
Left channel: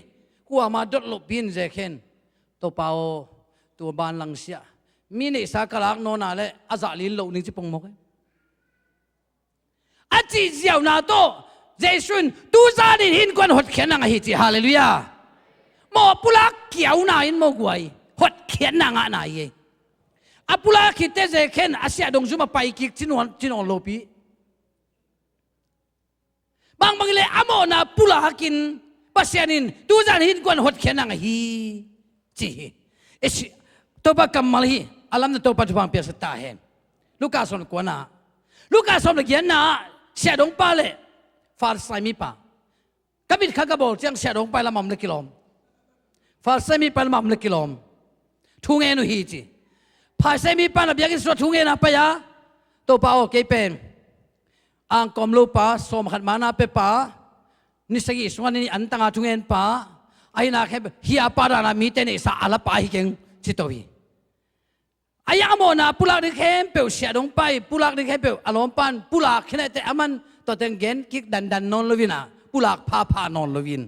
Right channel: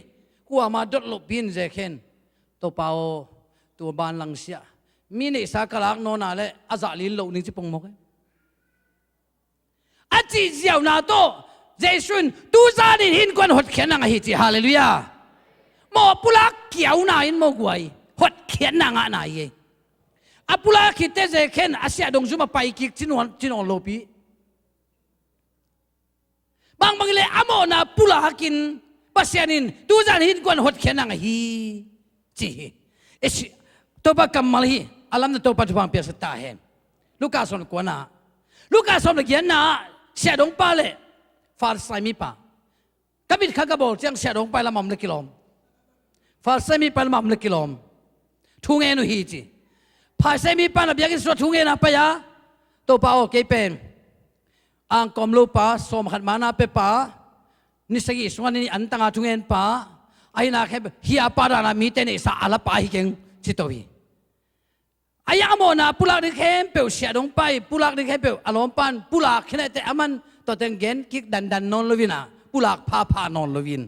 กูอามาดดลบบินเจเคนตัวเปล่าตัวบานลังเสียมีเนสากลักโนนาเลอาจาลินโลนี่จิปงมกอาจีเจียวนาโตเจสุนตูซาดิหินกวนหดเขียนนางฮิจิฮาเลลูยาหมอปุลักเกี่ยวนาอินโมกวยหดเขียนนางนายอาปุลักคิดเจเคนอาเซียดงซุมาไปกิกจินอนโลปีบางเลยอโมนาปุลักกินปัสยานินตูซาดิหินกวนหดเขียนนางฮิจิเอชตัวปากกัมมาลีอาลัมน์ตัวปัจจุบันเปียสตาเห็นลูกาสอนกวนน่ะลูกาสอนเกียนน่ะเสียดงปาเลฟาร์ไซมีปากับบิดข้ากบอลเจียงเสียดงไปละมัมเลกิลอมฟาร์ไซมีปาละมัมเลกิลอมทุ่งเงินฮีจีฟาร์ไซมีปาละเบียกินสุดทุ่งเงินapa yaตัวปาโอเกย์เป็นอังกอมลูปาสมขัดมานาเปปานิสกิสวานี่อันตังอาทุ่งเงินปาไอ้นาแค่ฮิอาปารานามีเตเนสาอาลปาฮิเก่งจิตวีอายามอนาปุลักดิเข้มเปียวเสียดงไปปุลักดิเข้มเปียวอารมณ์ปันปุลักแค่ไหนแต่อามันตัวเต็งเกนกิกดันนอนลวินะปุลักพานอนลวิน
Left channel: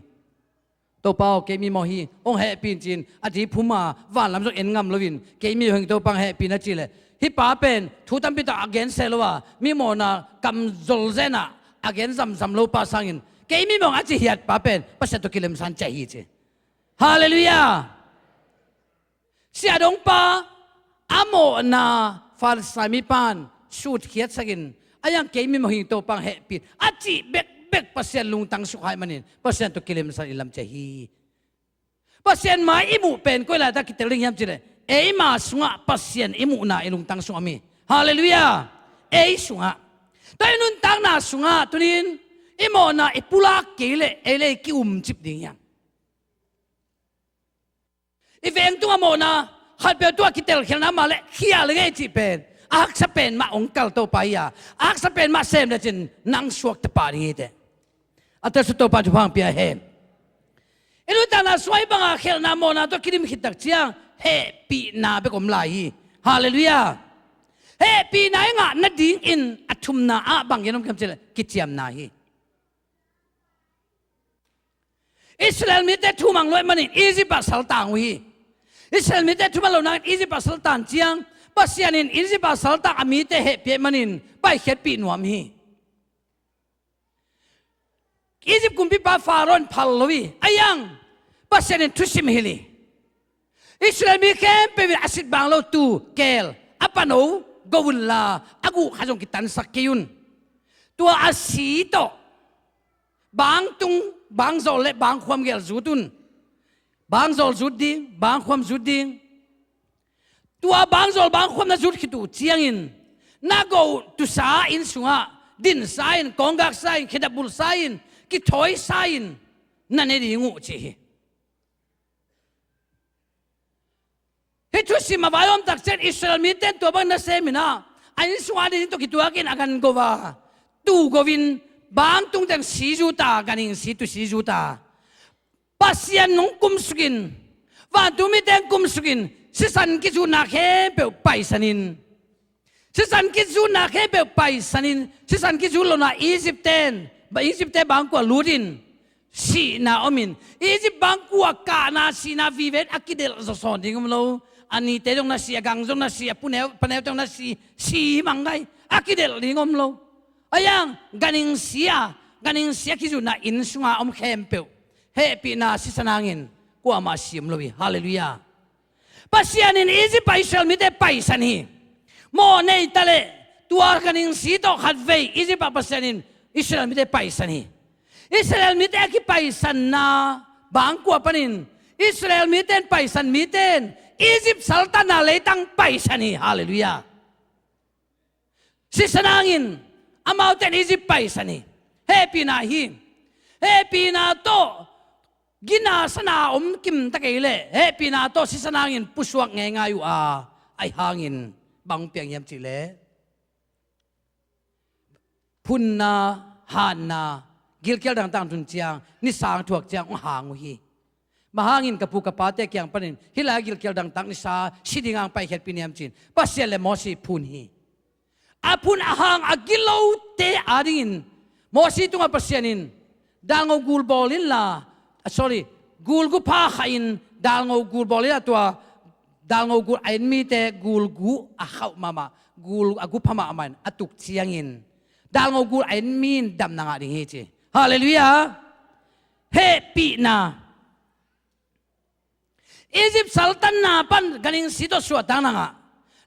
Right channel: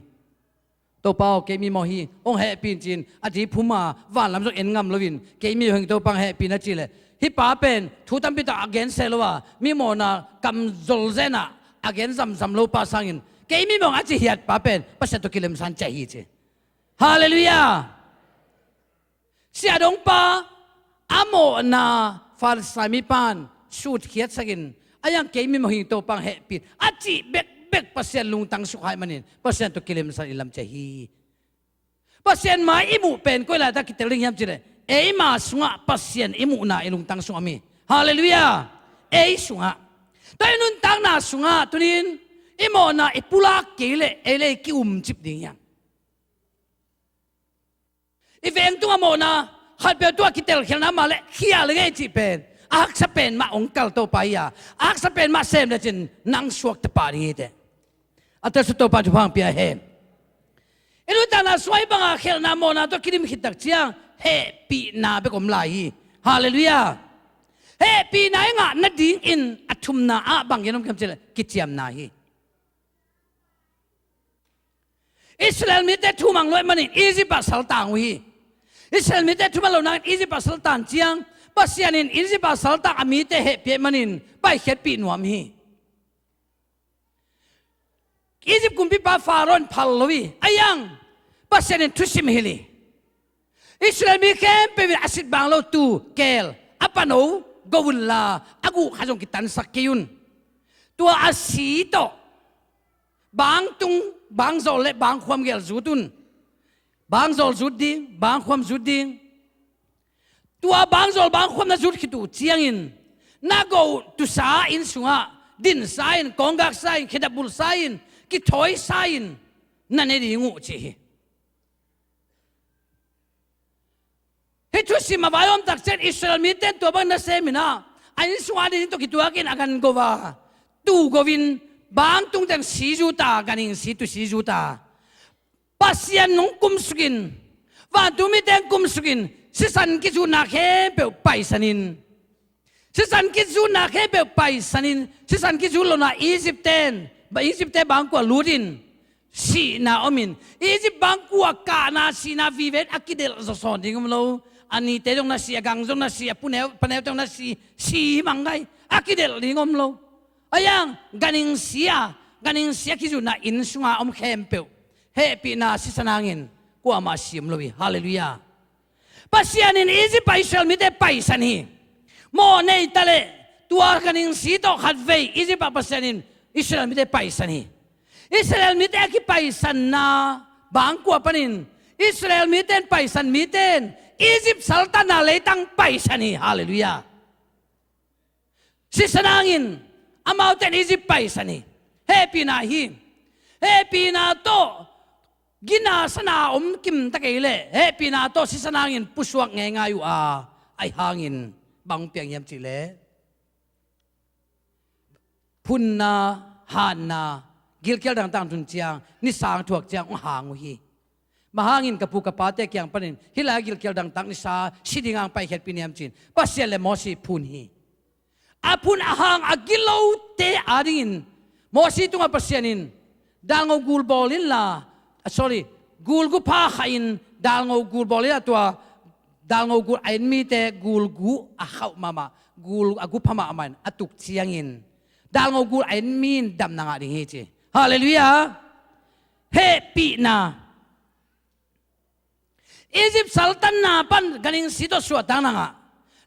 ตัวเปล่าเกมีมอฮีองแห่ปีนจีนอดีพูมาว่าลำจกเอ็นงำลวินเกมีหงตัวปังแห่ปีนัดจีเลยฮิป้าเป็นทุตัมปิตาอเกนเซลวะมีมอนากำจลเซนะอเกนซัมโลปาสังินเกมีมองอาจิฮิยัดป้าเป็นปัสสตุกิเลมสันใจฮีเจฮาเลลูยาเสียดงปาอโมนาฟาร์สามิปานสูดเขียดสักินอายังเกมีมหิงโตปังเฮปิดอาจิเบกเปอร์เซ็นต์ลุงตังสุขายมันนี่เปอร์เซ็นต์ตุกิเลมสันอิลัมเจฮีเปอร์เซ็นต์มาอิมุเป็นก็เลยตะกิตเลิงยามจีเลยเอมาสุงะเปอร์เซ็นต์อิมุนาอิลุงตังสุขมีฮาเลลูยาเอสุงะแต่นุนตังนาสุงะตุนิน อิโมนาอิปุลาเกเลเอเลกิอุมจิบดิ่งยังอีเวงตัวโมนาขัดเปตัวคิดเตลเขียนน้ำมาเลขี้อะไรเงี้ยจีเป็นอักษเป็นมาองค์เกลตัวไปอ่ะอักษเป็นมาเซมเลยจินนังสวกตะปารีเดอัตสุดตัวปัจจุบันเปียเฮมอินุตานาสวยบังอาเขียนน้ำโมนาตัวคิดมิคิดตักเจียงเฮปีนาเบกอมไลฮาเลลูยาเฮปีนาเองอ่ะนัดดิ้งอินอัตุมนาอ่ะบังยันมคำเจริญกิจยามนาฮีอิสราเอลมีแต่ทุ่มังลอยมันอียิปต์สัลตังวีอิสราเอลมีแต่ทุ่มังลอยนั้นอียิปต์สัลตันเจียงปัสยานินอียิปต์สัลตังมีแต่เฮปีมันไปเฮ็ดปีนวมฮีอียิปต์กุมพิบาฟาโรนพัลลวีอายังปัสยานินทุสิมฮิลีอิสราเอลมีแค่เป็นอาศิษย์บางโลตูเกลอปานโนกวุลลาอากูขจงกิตันสักกิยุนตัวอาศีโตบางตุงบางโซเลบางความเกลจุดุนบางโซลจุดดิงบางความจุดดิงตัวบางโซลบางความน่าจุดคิดดูเจียงอินน่ากูตุสาอินสุงะดินสายอินกองกักสายอินขิดบุลสายอินกิถอยสายอินนั่นเองงูจีเฮตุสิมาบายอมตักเซตอิสราเอลมีเต็นตัวบังนัสเซมินาอันนี้สุวรรณนี่ตัวกิตัวกินอากันโกวาตูโกวินบางตุงแต่งสีจูตากันอิงสีตุสีจูตาปัสยานนงกุมสกินว่าตุมีแต่งกุมสกินสิสันกิจูนาเคเปลไปสันินสิสันกิจูนาเคเปลไปสันินสิสันกิจูโลนาอียิปต์เตนบางกว่าลูดินสีนาอมินอียิปต์บางกว่ากานาสีนาวิเวตอากิเดลจะสอนดิ่งมั้งโลอันนี้เตจงนาสีกังจงนาสีปุ่นเอวจงนาสีมังไงอากิเดลดิ่งมั้งโลอายังกันอิงเสียคิจูนาอินสุงาอมเข้มเปลเฮปีนาสิสนางอินกว่ามาสิมลวีฮาเลลูยาปัสยานินอีจิปต์อิสราเอลมีแต่ไปสันฮีโมเนยตะเลตัวกันอิงสีโตขัดเวอีจิปต์ปัสยานินอิสราเอลมีแต่ไปสันฮีอิสราเอลมีแต่กิไปสันนาบางกว่าปนินอิสราเอลมีแต่ไปสันมีแต่อียิปต์สัลตันนาเลยตั้งไปสันฮีฮาเลลูยาสิสนางอินอามาแต่อียิปต์ไปสันฮีเฮปีนาฮีเฮปีนาโตกินาสนากิมตะเกยเลเฮปีนาโตสิสนางอินปุสวกง่ายอยู่ไอหางอินบังเปียงยำจิเลพุนนาหานนากิลเกลต่างๆทุนเจียงนิสางถวกเจียงหางวีมาหางอินกับปูกับปาเตกยังปนินฮิลากิลเกลต่างๆนิสาสิดิงางไปเฮ็ดปีนยำจินปัสเยเลมอสีพุนฮีอาพุนอาหางอากิโลเตอาดินมอสีตุงอาปัสยานินดางกูลบอลินลาsorry กูลกูพาขาอินดางกูลบอลินตัวดางกูไอมีเตกูลกูอาเข้ามากูลอากูพมามันอตุกเชียงอินดางกูไอมีนดำนางดิ่งเฮจิฮาเลลูยาเฮปีนาอียิปต์สัลตันนาปันกันอิงสิโตสวดดังนาง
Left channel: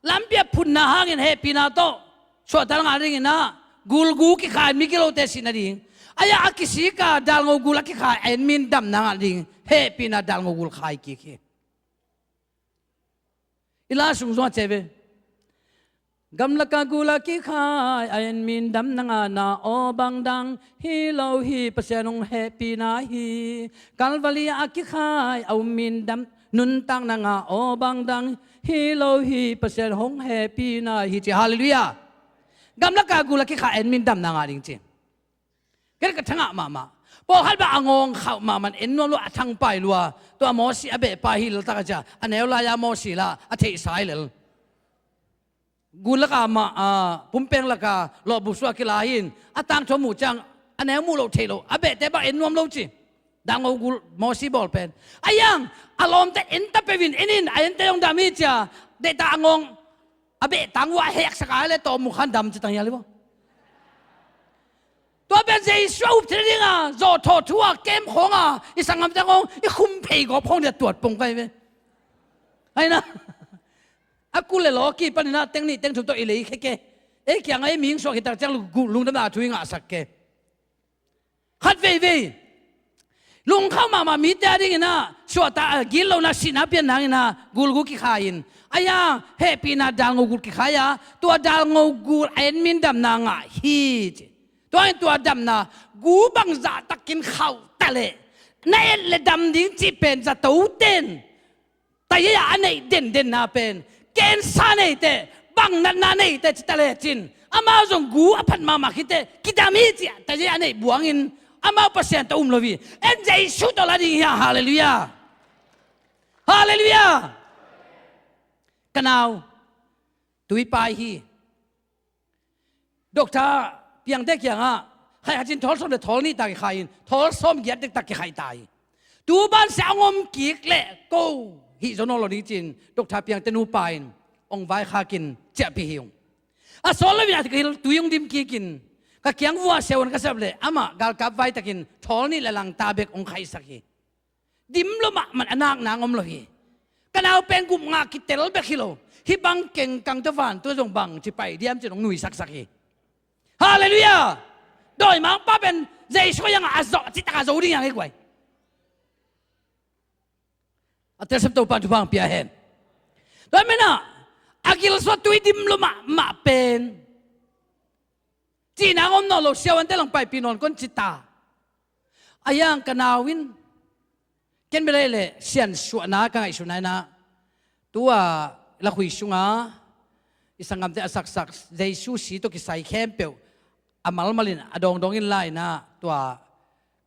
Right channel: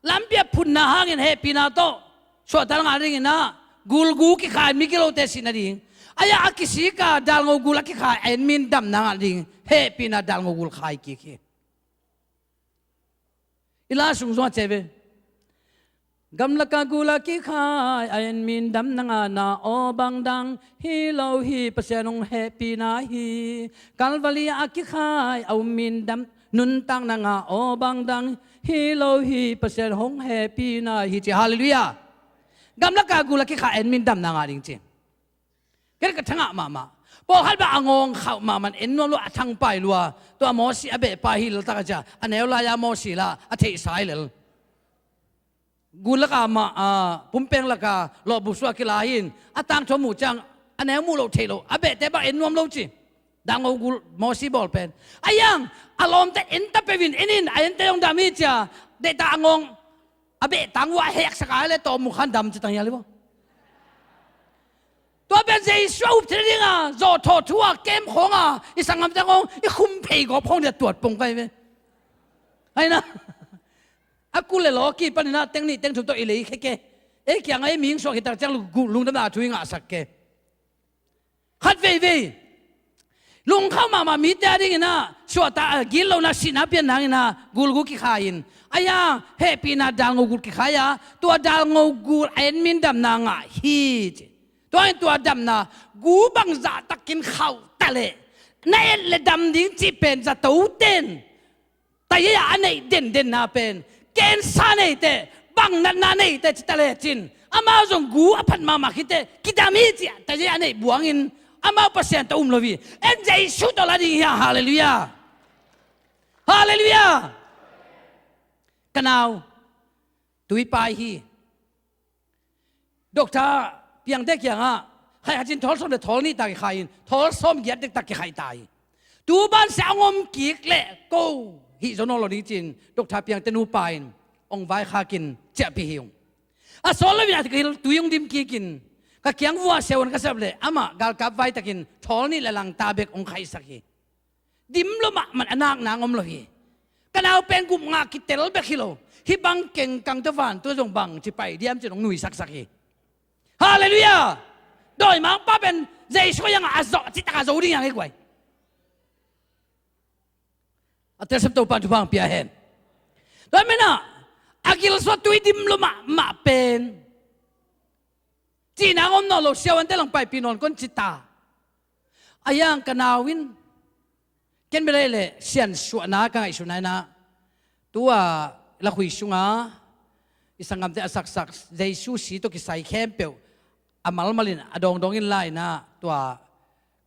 ลำเปียพุนนาหางอินเฮปีนาโตสวดดังนางดิ่งนะกูลกูกิขายมิกิโลเตสินาดิ่งอายะอักษิกาดัลงกูลักขายเอ็นมินดำนางดิ่งเฮปีนาดัลงกูขายกี่ขี้อิลาสุงสวดเจเวกำลักกูลักขายเอ็นมินดำนางนาโอบังดังฮิโลฮีปัสยานงเฮปีนาฮีกัลวาลีอักขายเอามินดำนุนตังนางโอบังดังฮิโลฮีปัสยานงเฮปีนาฮีเจฮาเลลูยากำลักกูลักขายเอ็นมินดำนางดิ่งเจก็กระทั่งมาพอฮัลบะอ่างงเข้ามามันเอ็นนวลอัทั้งไปลัวตัวมอสีอเบะไปฮิลตากจ้าอันเอวลายามอสีละอัฐิสายเลยกูลักมาปุ่มเป่งลักลอบุษวกิลาหินอัตังชมูจังอันเอวมูโลเทโลอเบะแต่บะเอ็นนวลโลจีดังกูมอสีบอลเป็นอายังอารมณ์แต่เอ็นตะเปวินเอ็นินเอ็นเตยองดามิจ้าเดตอ่างงอเบะตังวะเฮกสกายเลยตัวมุขันดำจิตังยาเลยวะตัวเป็นเจสูบที่นี่จอทอทัวเกมของอีสังคมจังงอีคุมเพย์ก็พงจะตรวจปงไปไหมไอ้นะอากูเลยล้อกี่ปันนะเต็งนี่เต็งถูกตัวอีเลยแค่เอ๊ะยังไงมิงสวกิตาจังลุงดำนาช่วยงาสักแกขัดเว่ยลุงเข้ามามีแต่ดิ้งนะชัวตากินเรานะสินะเปียนนางนะกูลกูกี่ขายินอายาเฮปีนะดังกูกี่ขายตัวดังกูเอ็นมินดำนางฮี ตัวดำนะกูบังจะตักกินข้าวตะเล่ในเลดำดิ้งจีเป็นจะตู้เต้นแต่ยังอันไหนเด่นนาเป็นเกณฑ์ซาเนเตบังนาเนเตจิตะเล่จินอามาจงกูอภันมาคิดเตคิดามีจีแต่ยังอันไหนบวงอินอามาเปอร์เซ็นต์ตัวลวีเอ็นใจสุดตลอดนี้ฮาเลลูยาฮาเลลูยากันเอาตุยไปฮีด็อกเตอร์เพียงเด็กอย่างอ่ะใครอาจจะทอลส้มเด็กทอลนี่ตายใครทอลส้มเย็ดเด็กตายใครตายตูบ้านเสียงอมกีกเละกูฮิโซโนโลดีจินด็อกเตอร์เพียงเตนูไปองไว้ข้ากินเจ็บพิวอ่ะสอนแล้วอย่างที่ตุยงดิมกีกินก็เกียงวัวเซวันก็เสบเลยอามาการกับไว้ตะกินทอลนี่ละลังตาเบกองใครสักทีดิมลมมันอนักนางอมโลฮีกันเอาเป็นกุมงาคิดเตลเบกิโลฮิบังเก่งกังตะวันตัวจงบังที่ไปเดียมจะต้องหนุ่ยสักทีฮาเลลูยาโดยมังป้าเป็นใจช่วยยังอาจจะที่ตาจะรู้ยังไงกว่าอัตราสัมตัวปันทุบังเปียเห็นโดยไม่น่ะอากิลสวัสดิ์ดิมลมาเป็นจีนางอมนอลเสียวันเตลังไปปีนนก้นจิตาอายังกันนาวินเกินไปเลยเสียนสวนากันไอสุนัยนะตัวละคุยสุงาอิสังกัมเตอสักใจสู้สีตัวกิสัยเข้มเปียวอามัลมาลินอดองอินไลนะตัว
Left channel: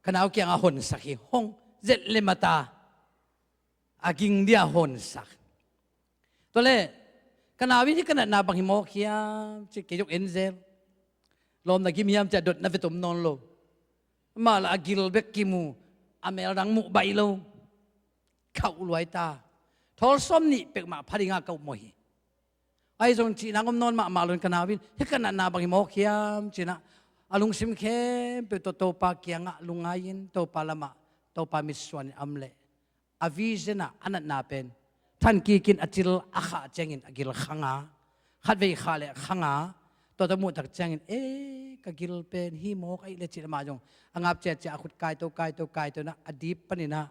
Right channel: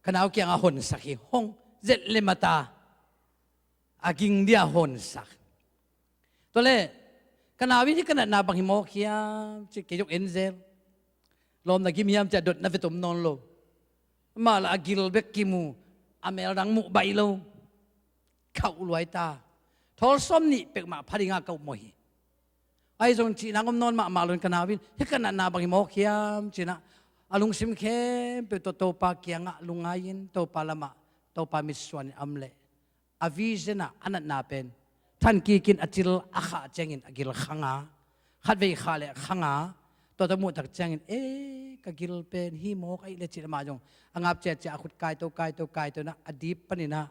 คณะเกี่ยงอาหนสักฮีห้องเจ็ดเลมาตาอากิงเดียหนสักตัวเล่คณะวิธีคณะนาบังฮิโมขียมจิเกยกเอ็นเซลลมนักิมยามจะดดนับตุมนอนโลมาละอากิลเบกกิมูอเมลดังมุใบโลเข้าลอยตาทอลส้มนี่เป็กมาพาริงาเก่าหมอยไอ้จงจีนางอมนอนมาลุนคณะวินที่คณะนาบังฮิโมขียมจีนะอาลุงซิมเข้มเปิดโตปาเกียงะลุงอายินโตปาลามะโตปามิสวานอัมเลอาวิเจนะอันนั้นนาเป็นท่านกีกินอจิลอาขาเจงินอกิลขังอาขัดเวขาเลขังอาตัวตะมุตักเจงินกกิลเป็นฮิโมกไอเลจิลมาจงอังอับเจจะขุดกายตัวนะอดีปนินะ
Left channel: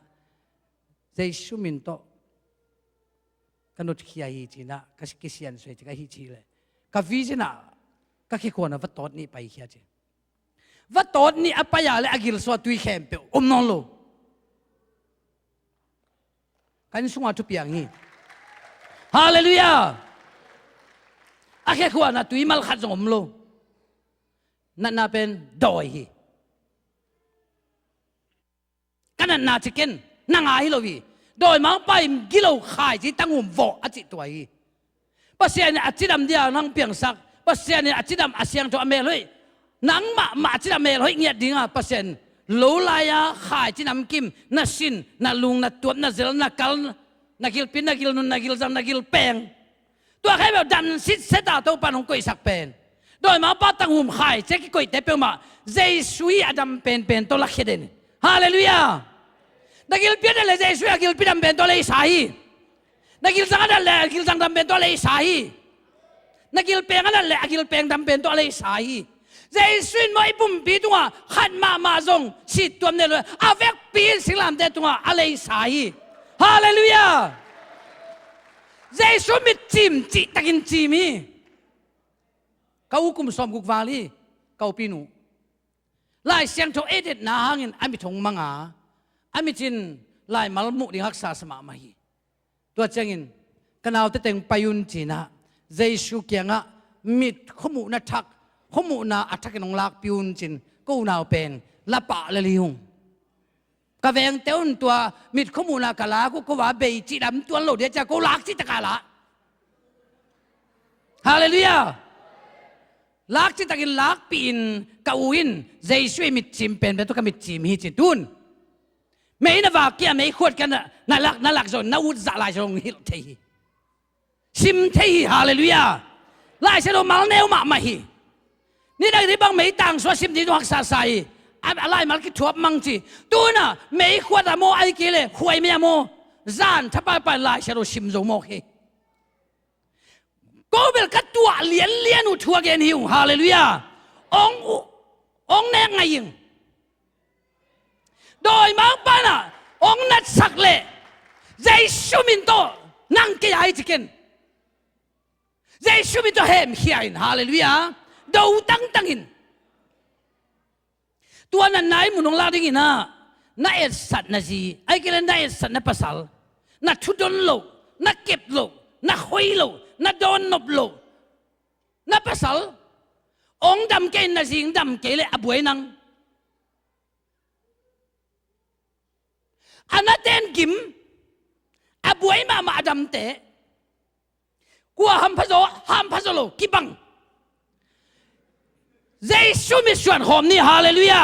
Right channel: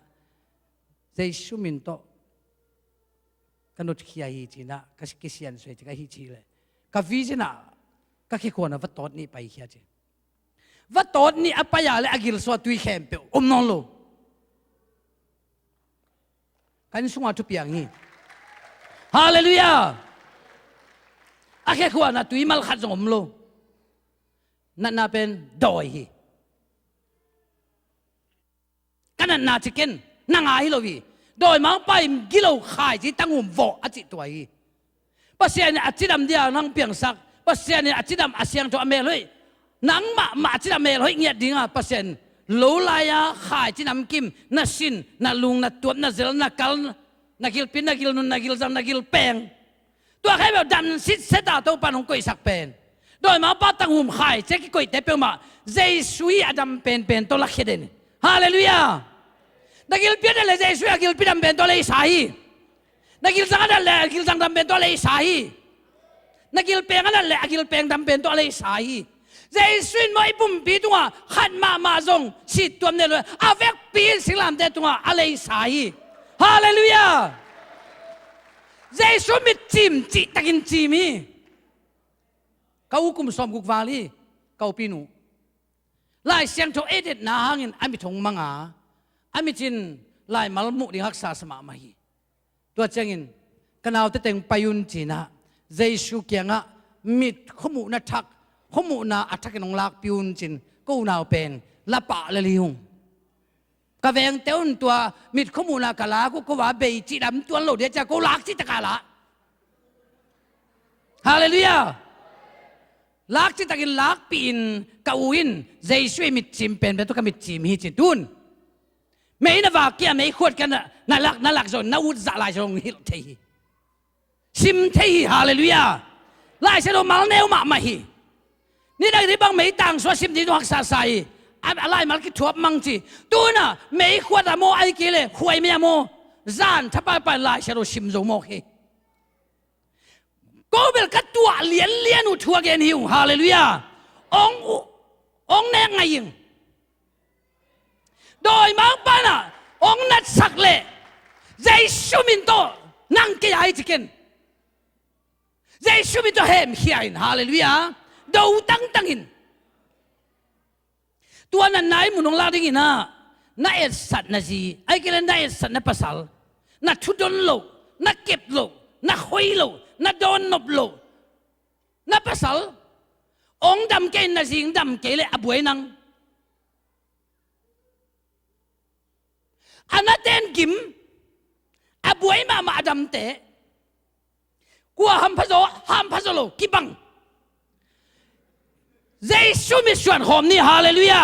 เจสุมินโตกันนุขยาฮีจีนะกัสกิเซียนสวยจะกัฮิจีเลยกับวิเจนะก็แค่คนวัดตอดนี่ไปเขียจีวัดตอดนี่อภัยาเลยอกิลสวัสดิ์เข้มเปียวนอนโลกันสุงอาทุเปียงฮีฮาเลลูยาอาแค่คนน่ะตุยมัลขัดจงโลนั่นน่ะเป็นดอยฮีกันนั่นน่ะชิคเก้นนั่งอาฮิโลวีโดยมังไปกิโลขายที่ตั้งหุ่มโวอจิตตัวฮีภาษาเนี่ยอจิดำเดียวนั่งเปียงสักภาษาเนี่ยอจิดำอาเซียงตัวอเมริกนังมาจิดำอเมริกเงียบดิ้งอ่ะภาษาโลลายาขายจิดำกิมนัสินนัลุงนัตัวนัเซลนักกัลนักกิลปินนักกิลนุนนักกิลจังนักกิลเปงตัวใครแบบดันสิเสดาตัวปานของกุยสักเป็นโดยมาป้าตั้งหุ่มขายเจ๊กิกุยเตเปมาเจสุยอดัมเป็นตัวลักเขเดนฮาเลลูยานักกิลปินอะไรเจสุยนักกิลปินดำเป็นตัวเลยสายนักกิลจังอะไรนักกิลจังดำเป็นตัวเลยสายนักกิลเปงอะไรนักกิลเปงดำเป็นตัวเลยสายเจสุยไม่ปุ่มปีตัวขัดมาจงสิตัวเนี่ยเลยอาเวกปีสิลามเดตัวอะไรสายฮาเลลูยาเจสุมิจิมจิตะกินจิมีเขาคุมสมกุกวาลีเขาปีนูลายเสียงโทเอเดตนาหางินอามิทงมังอาอามิจินลายมัลมุดิฮักษาสมามาฮีตัวเจงินกันเอาแต่เต็งไปยุนจีนะเจสุเกียงะมิดขมุนัทักขมุนาอัฐกินองลักปิวน์จินกูนาวเป็นละปะละลิฮงกะเวงเต้นตัวมิดขมุนากะลากูว่าเบยจิดำตัวโลเดียจะกูลักจิตกะละฮาเลลูยาลักจิตกินลักปีนกะวินใจช่วยมิดจิมเป็นตัวกมิดจิมฮีจิตุนไม่นว่าเกี่ยไม่ขวดกันน่าลักจนน่าอุจจาระจงฮิลเทฮีชิมเทฮีฮาเลลูยาไล่เสดมาเนวมาฮีนี่ได้ที่บางไม่ต่างสวชิมที่ตัวหักษาใส่อะไรมาคิดทวบมังจีตัวน่ะไม่ขวดอะโมไอเกเลยขวยไม่อะโมจานถ้าไปไล่เสดชิมจงโมเฮก็เป็นกัดตัวเลียนอุทัวเกนฮิวฮาเลลูยาองแนงไงยิงโดยมังปานะองนัดสักเล่ใจชูมินโตนั่งเกี่ยไอจิกินใจชูมินโตเฮมเฮียนฮาเลลูยาดูตั้งอิน ตัวนั้นไหนมุนงลาดิ้งนะน่าเอ็ดสัตว์นะจีไอ้กิเลนน่าเอ็ดสัตว์น่าภาษาน่าชุดดนโลน่าเก็บโลน่าคุยโลน่าโดนนบโลน่าภาษาองดำเกนน่าจิงดำเกลเลยอบวยนังอันนั้นเต้นกิมอบวยมาดำเตะกัวฮัมพะโซโลกิบังเจสุมิส่วนหอมนี่ฮาเลลูยา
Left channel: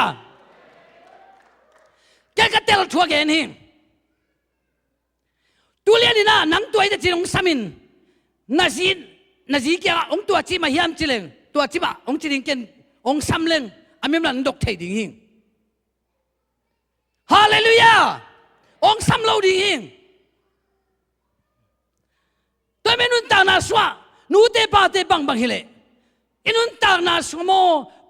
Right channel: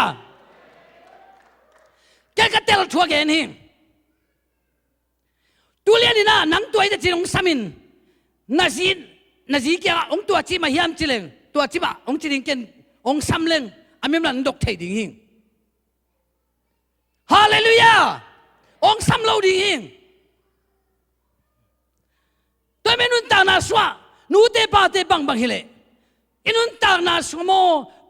แกก็เตลทัวแกนี่ตัวเลี้ยนี่นะนังตัวไอ้จีนองสามินนาจีแกองตัวจีมาเฮียมจีเลงตัวจีบะองจีนเกนองสามเลงอามิมันดกเทดิ่งหิงฮาเลลูยาองสามโลดิ่งหิงตัวเมนุนตานาสวะนูเตปาเตบังบังฮิเลอินุนตานาสโม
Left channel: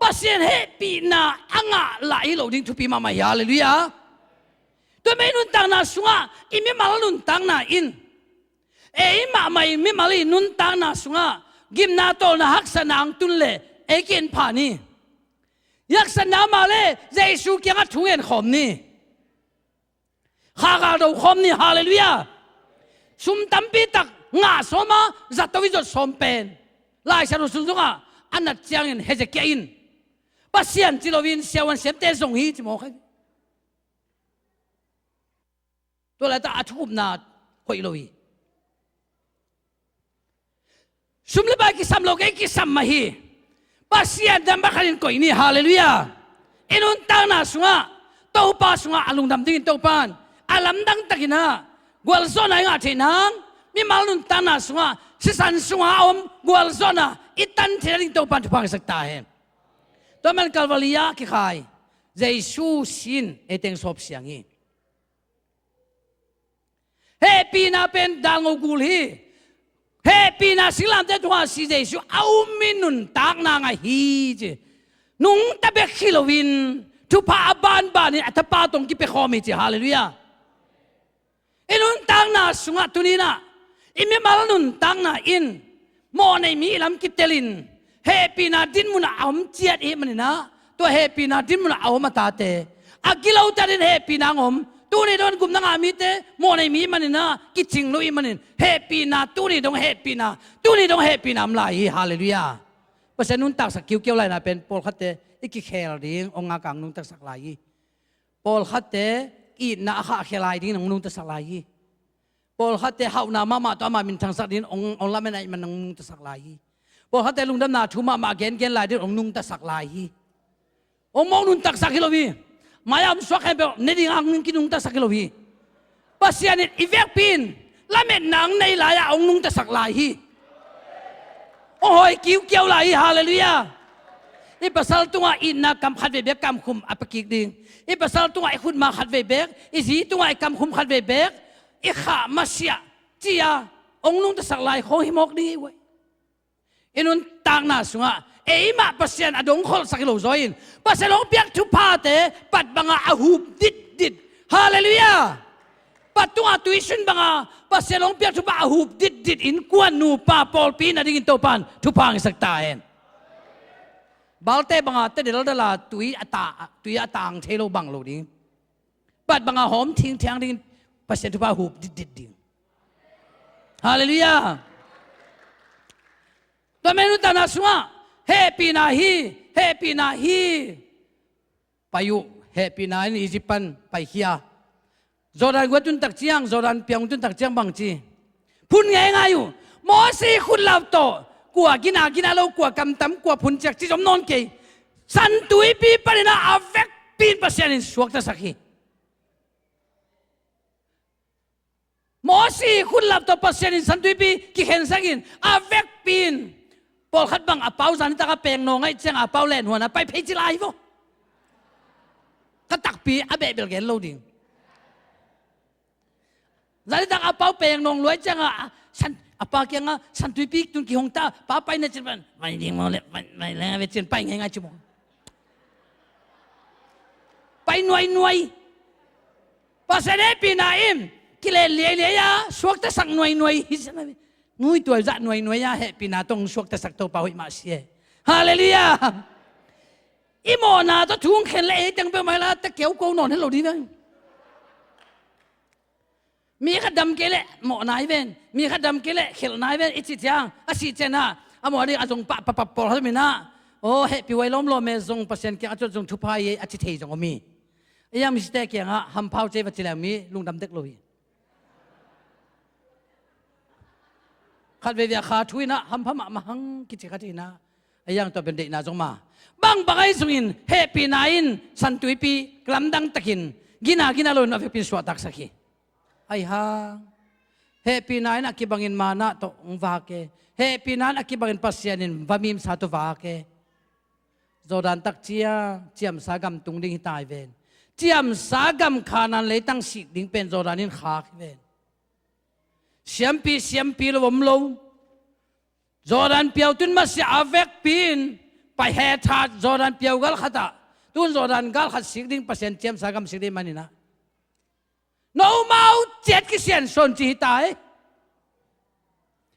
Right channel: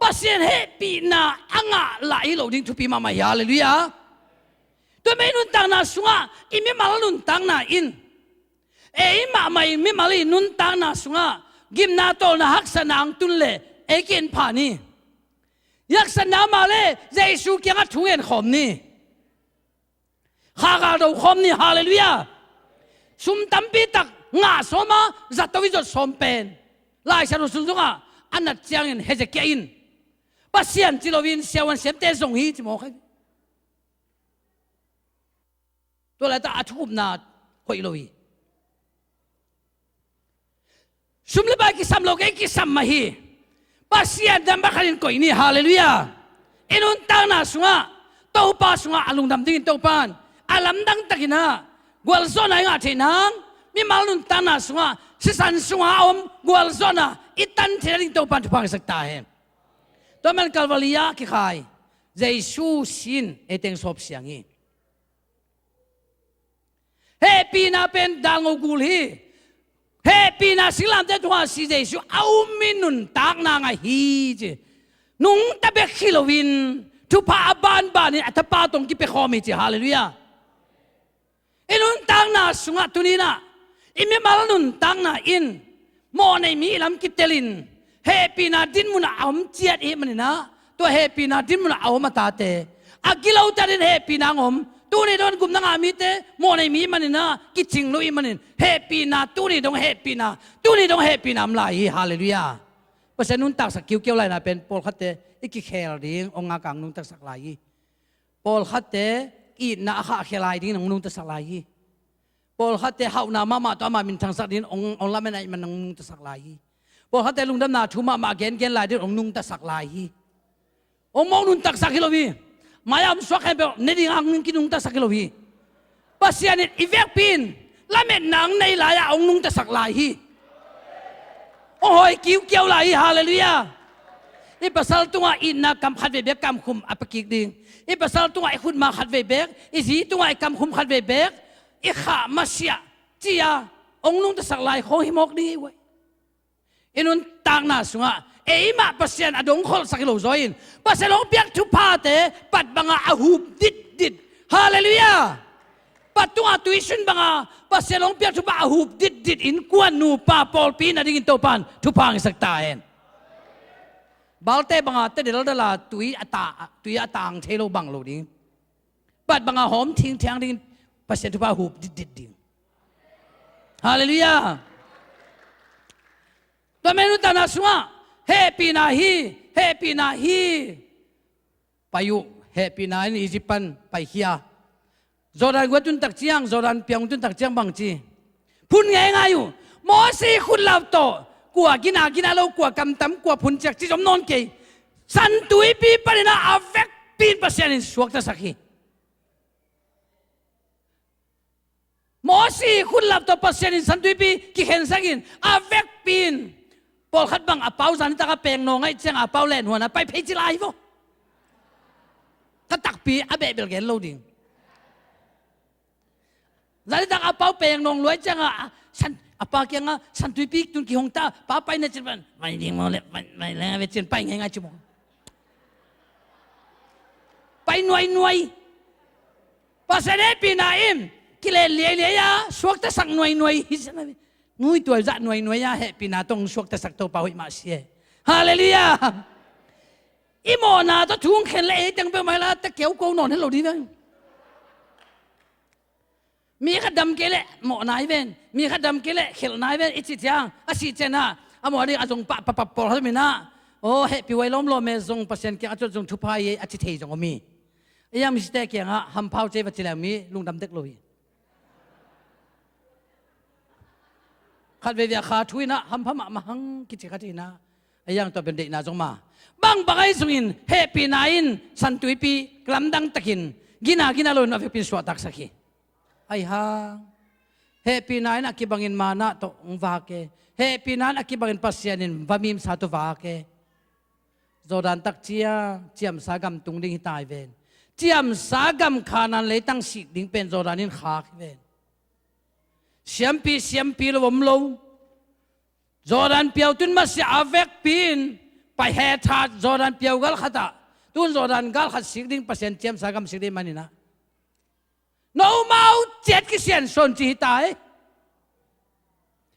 ปัสเซนเฮปีนาอังะลาอิโลดิ่งทุปีมามาฮาเลลูยาตัวเมนุนตานาสวะอิมิมาลนุนตานาอินเออิมาไม่มิมาลีนุนตานาสวะกิมนาโตนาฮักษนางตุนเลเอกินผานียักษนามาเลเจสุเกียงทุ่งเอ็นขอมนี่ข้ากาดูขอมนี่ฮาเลลูยาสุมตัมปีตักงาสมาจัตวิจสมเป็นลายสรุสุนทรงอันนัดเจียงอินเฮเจเกินปัสเซียนจิโลวินเซวันเซมเตส่งฮีจิโมกตัวละตาอัฐุมนาคอยโลวีสุมเลบากิสัมโลกเอกิสัมมาฮีปัสเซียนดัมบักลินคอยนี่ฮาเลลูยาอินุนตานาสุงะเต้าป้าสุงะอลุงดำดิ้งเต้าปานอาลัมดังตะกินะกวลโซนายงาเทนังมีมาลุนตานาสุงะสิสันสุงะอมกวลโซนาอิตันเทลิงเต้าปานทุพังสักตาเห็นตัวมันกัลวาลียาคิขายเจสุสินเอเตงสอบเสียงฮีเฮปีนาเป็นดังกูลีเฮปีนาสิลามเตตัวสิเจสุเอามินุนตากนางฮีเจนุงตะเบกฮิโลวินทุพาบานบานี่อัตปาตรงกิเปขอมิเจฮาเลลูยาอินุนตางนาสุงะตุนีนะอิมิมาลนุนตางนาอินโมในมีลำกิเตลินเฮปีนาดินมุนเอามเจียดเอมันนะตัวเฮปีนาดินมุนเอามาตาเตอากิลาวตาดินเฮปีนางอมตูนี่โดนกุมนางอามิเตโมในมีมันนะกิจิงลุยมันเฮปีนาตูนี่ดงเฮปีนาตูนี่ดงเฮปีนามลายฮาเลลูยาเพราะฉะนั้นนุนตักสักคิวเกี่ยวไรนะเป็นโปลคัตเตอิกิเคลดิ้งองค์กังนุนตักสักลายโปลคัตเตอีน่าข้าเคลายดิ้งนุนตักสักลายโปลคัตเตฮาวนามาตัวมามินทางสักดิ้งองละไม่ไหนมันนุนตักสักลายโปลคัตเตลุงดำนาทุมาเกนลายดิ้งนุนตักสักลายองมองนุนตักสักกิโลวีมายามสวักให้เปเนดิ้งอังนุนกินุนตักสักกิโลวีปัสยานิอีเวกปินละเม็ดนางในลายองนุนตักสักลายโอ้ยคิวเกี่ยวลายฮาเลลูยาอีภาษาตัวอินนักกำขัดเวเบกกำคุมอัปกิกดิ่งอีภาษาตัวไอคุณมาขัดเวเบกอีจีตัวไอกำคุมขัดเวเบกอีข้ามาเสียจียาองนุงตะสักลายของหิมอกดีไว้อินุนต่างนาสุงะเอมาปัสยานอดงขอสักโลจอยน์ปัสยานองเปียกทุพาเตปัดบังอาหูดิดฮาเลลูยาปัดตัวตุยชุนบังอาปัสยานองเปียกทุพาอาหูดิดอินกวนนูปาปอลปีนาดิ่งโตปานทุพังสักตาเองบาลเตบังอาเตเดลดลาตุยอตางเทโลบังโลดิ้งปัดบังอาหอมทิ้งดิ่งปัสยานทุพาหูดิดดิ่งฮาเลลูยาตัวเมนุตานาสุงะเฮปีนาฮีไปอยู่เฮปีนาอิจิปันไปเฮียจอดันกวตุนตักเจียงจอดันเปียงตุนตักเจียงบางจีพูนง่ายอยู่มอสีคุณลาวโตกว่ากินาเรากว่ากำตำกว่าพุนจากที่จมนอนเกยสันตุยปีปรินาอเวกปีนเปอร์เซ็นต์สวกตะสักฮีมอสีคุณลาวโตเปอร์เซ็นต์สันตุยปีกิเห็นสักอินอเวกปีนพอขัดบังอาเปาสันตะกะเปงนองไอ้เจ้าอาเปาเล่นหัวนะไปเพจิลายบ่กะตักปีอาเบเบลเกนโลดิ้งสันตะกะอาเปาเปงนองรวยเจ้าสันอาเปาเกียงสันตุยปีตุนกิฮงตาป้าไปเนี่ยจิบันไม่ดิ้งมาเลยไม่แล้วเวจินไปไงจุบไปหน่วยภาษาเนปีนาอิมกิเลเลียสวกตะสักหน่วยฮิสนะนุยตัวจะหน่วยยาเฮปีนาตรงสวกตะสักโตปาวิมาเสียฮาเลลูยา อีโมนาจะทุ่งเข็นเลยจังไปไหมล่ะตะเกียวโกนอนให้เราดีนะมีขัดดำเกล็ดหมอนายเวนมีขัดดำเกล็ดเขียนนายเวนอิจิตยังอาศิเจนะอมอดีอาจงปะปอให้มีนะโอ้เฮปีไว้ล้อมล้อมเมซงเปอร์เซ็นต์เกี่ยอาจจงทุพายอาจิเทจงมียังมีสเตกี่ยงอ่ะฮัมพาวเจวัตจิลามีลุงดำเด็กลอยขัดเวียขาทุยนะฮัมพม่ามาหังกิจขัดที่นะยังตัวเป็นเด็กน่าจงมาบางบางไอ้สุนินเฮปีนายนสันตุยปีกลัมดังตะกินกินาลอยนับเป็นสวัสดิ์สักขีไอ้ฮ่าเฮปีนายนakibangin mana to ngvakeเฮปีนายนakibangin pasyanin vamim sa to vake Jordan tak chiam sagam tung ding tai ven chiam sagam khanan le tang sik ding pen Jordanin khak ven siampi lo bom lo Jordan piau tun ma si avek pin pai he tha Jordan piau gal khata tun Jordan gal khat sik ding pasen chiam sagam sik ding manina no mau jet ki sian son chi tai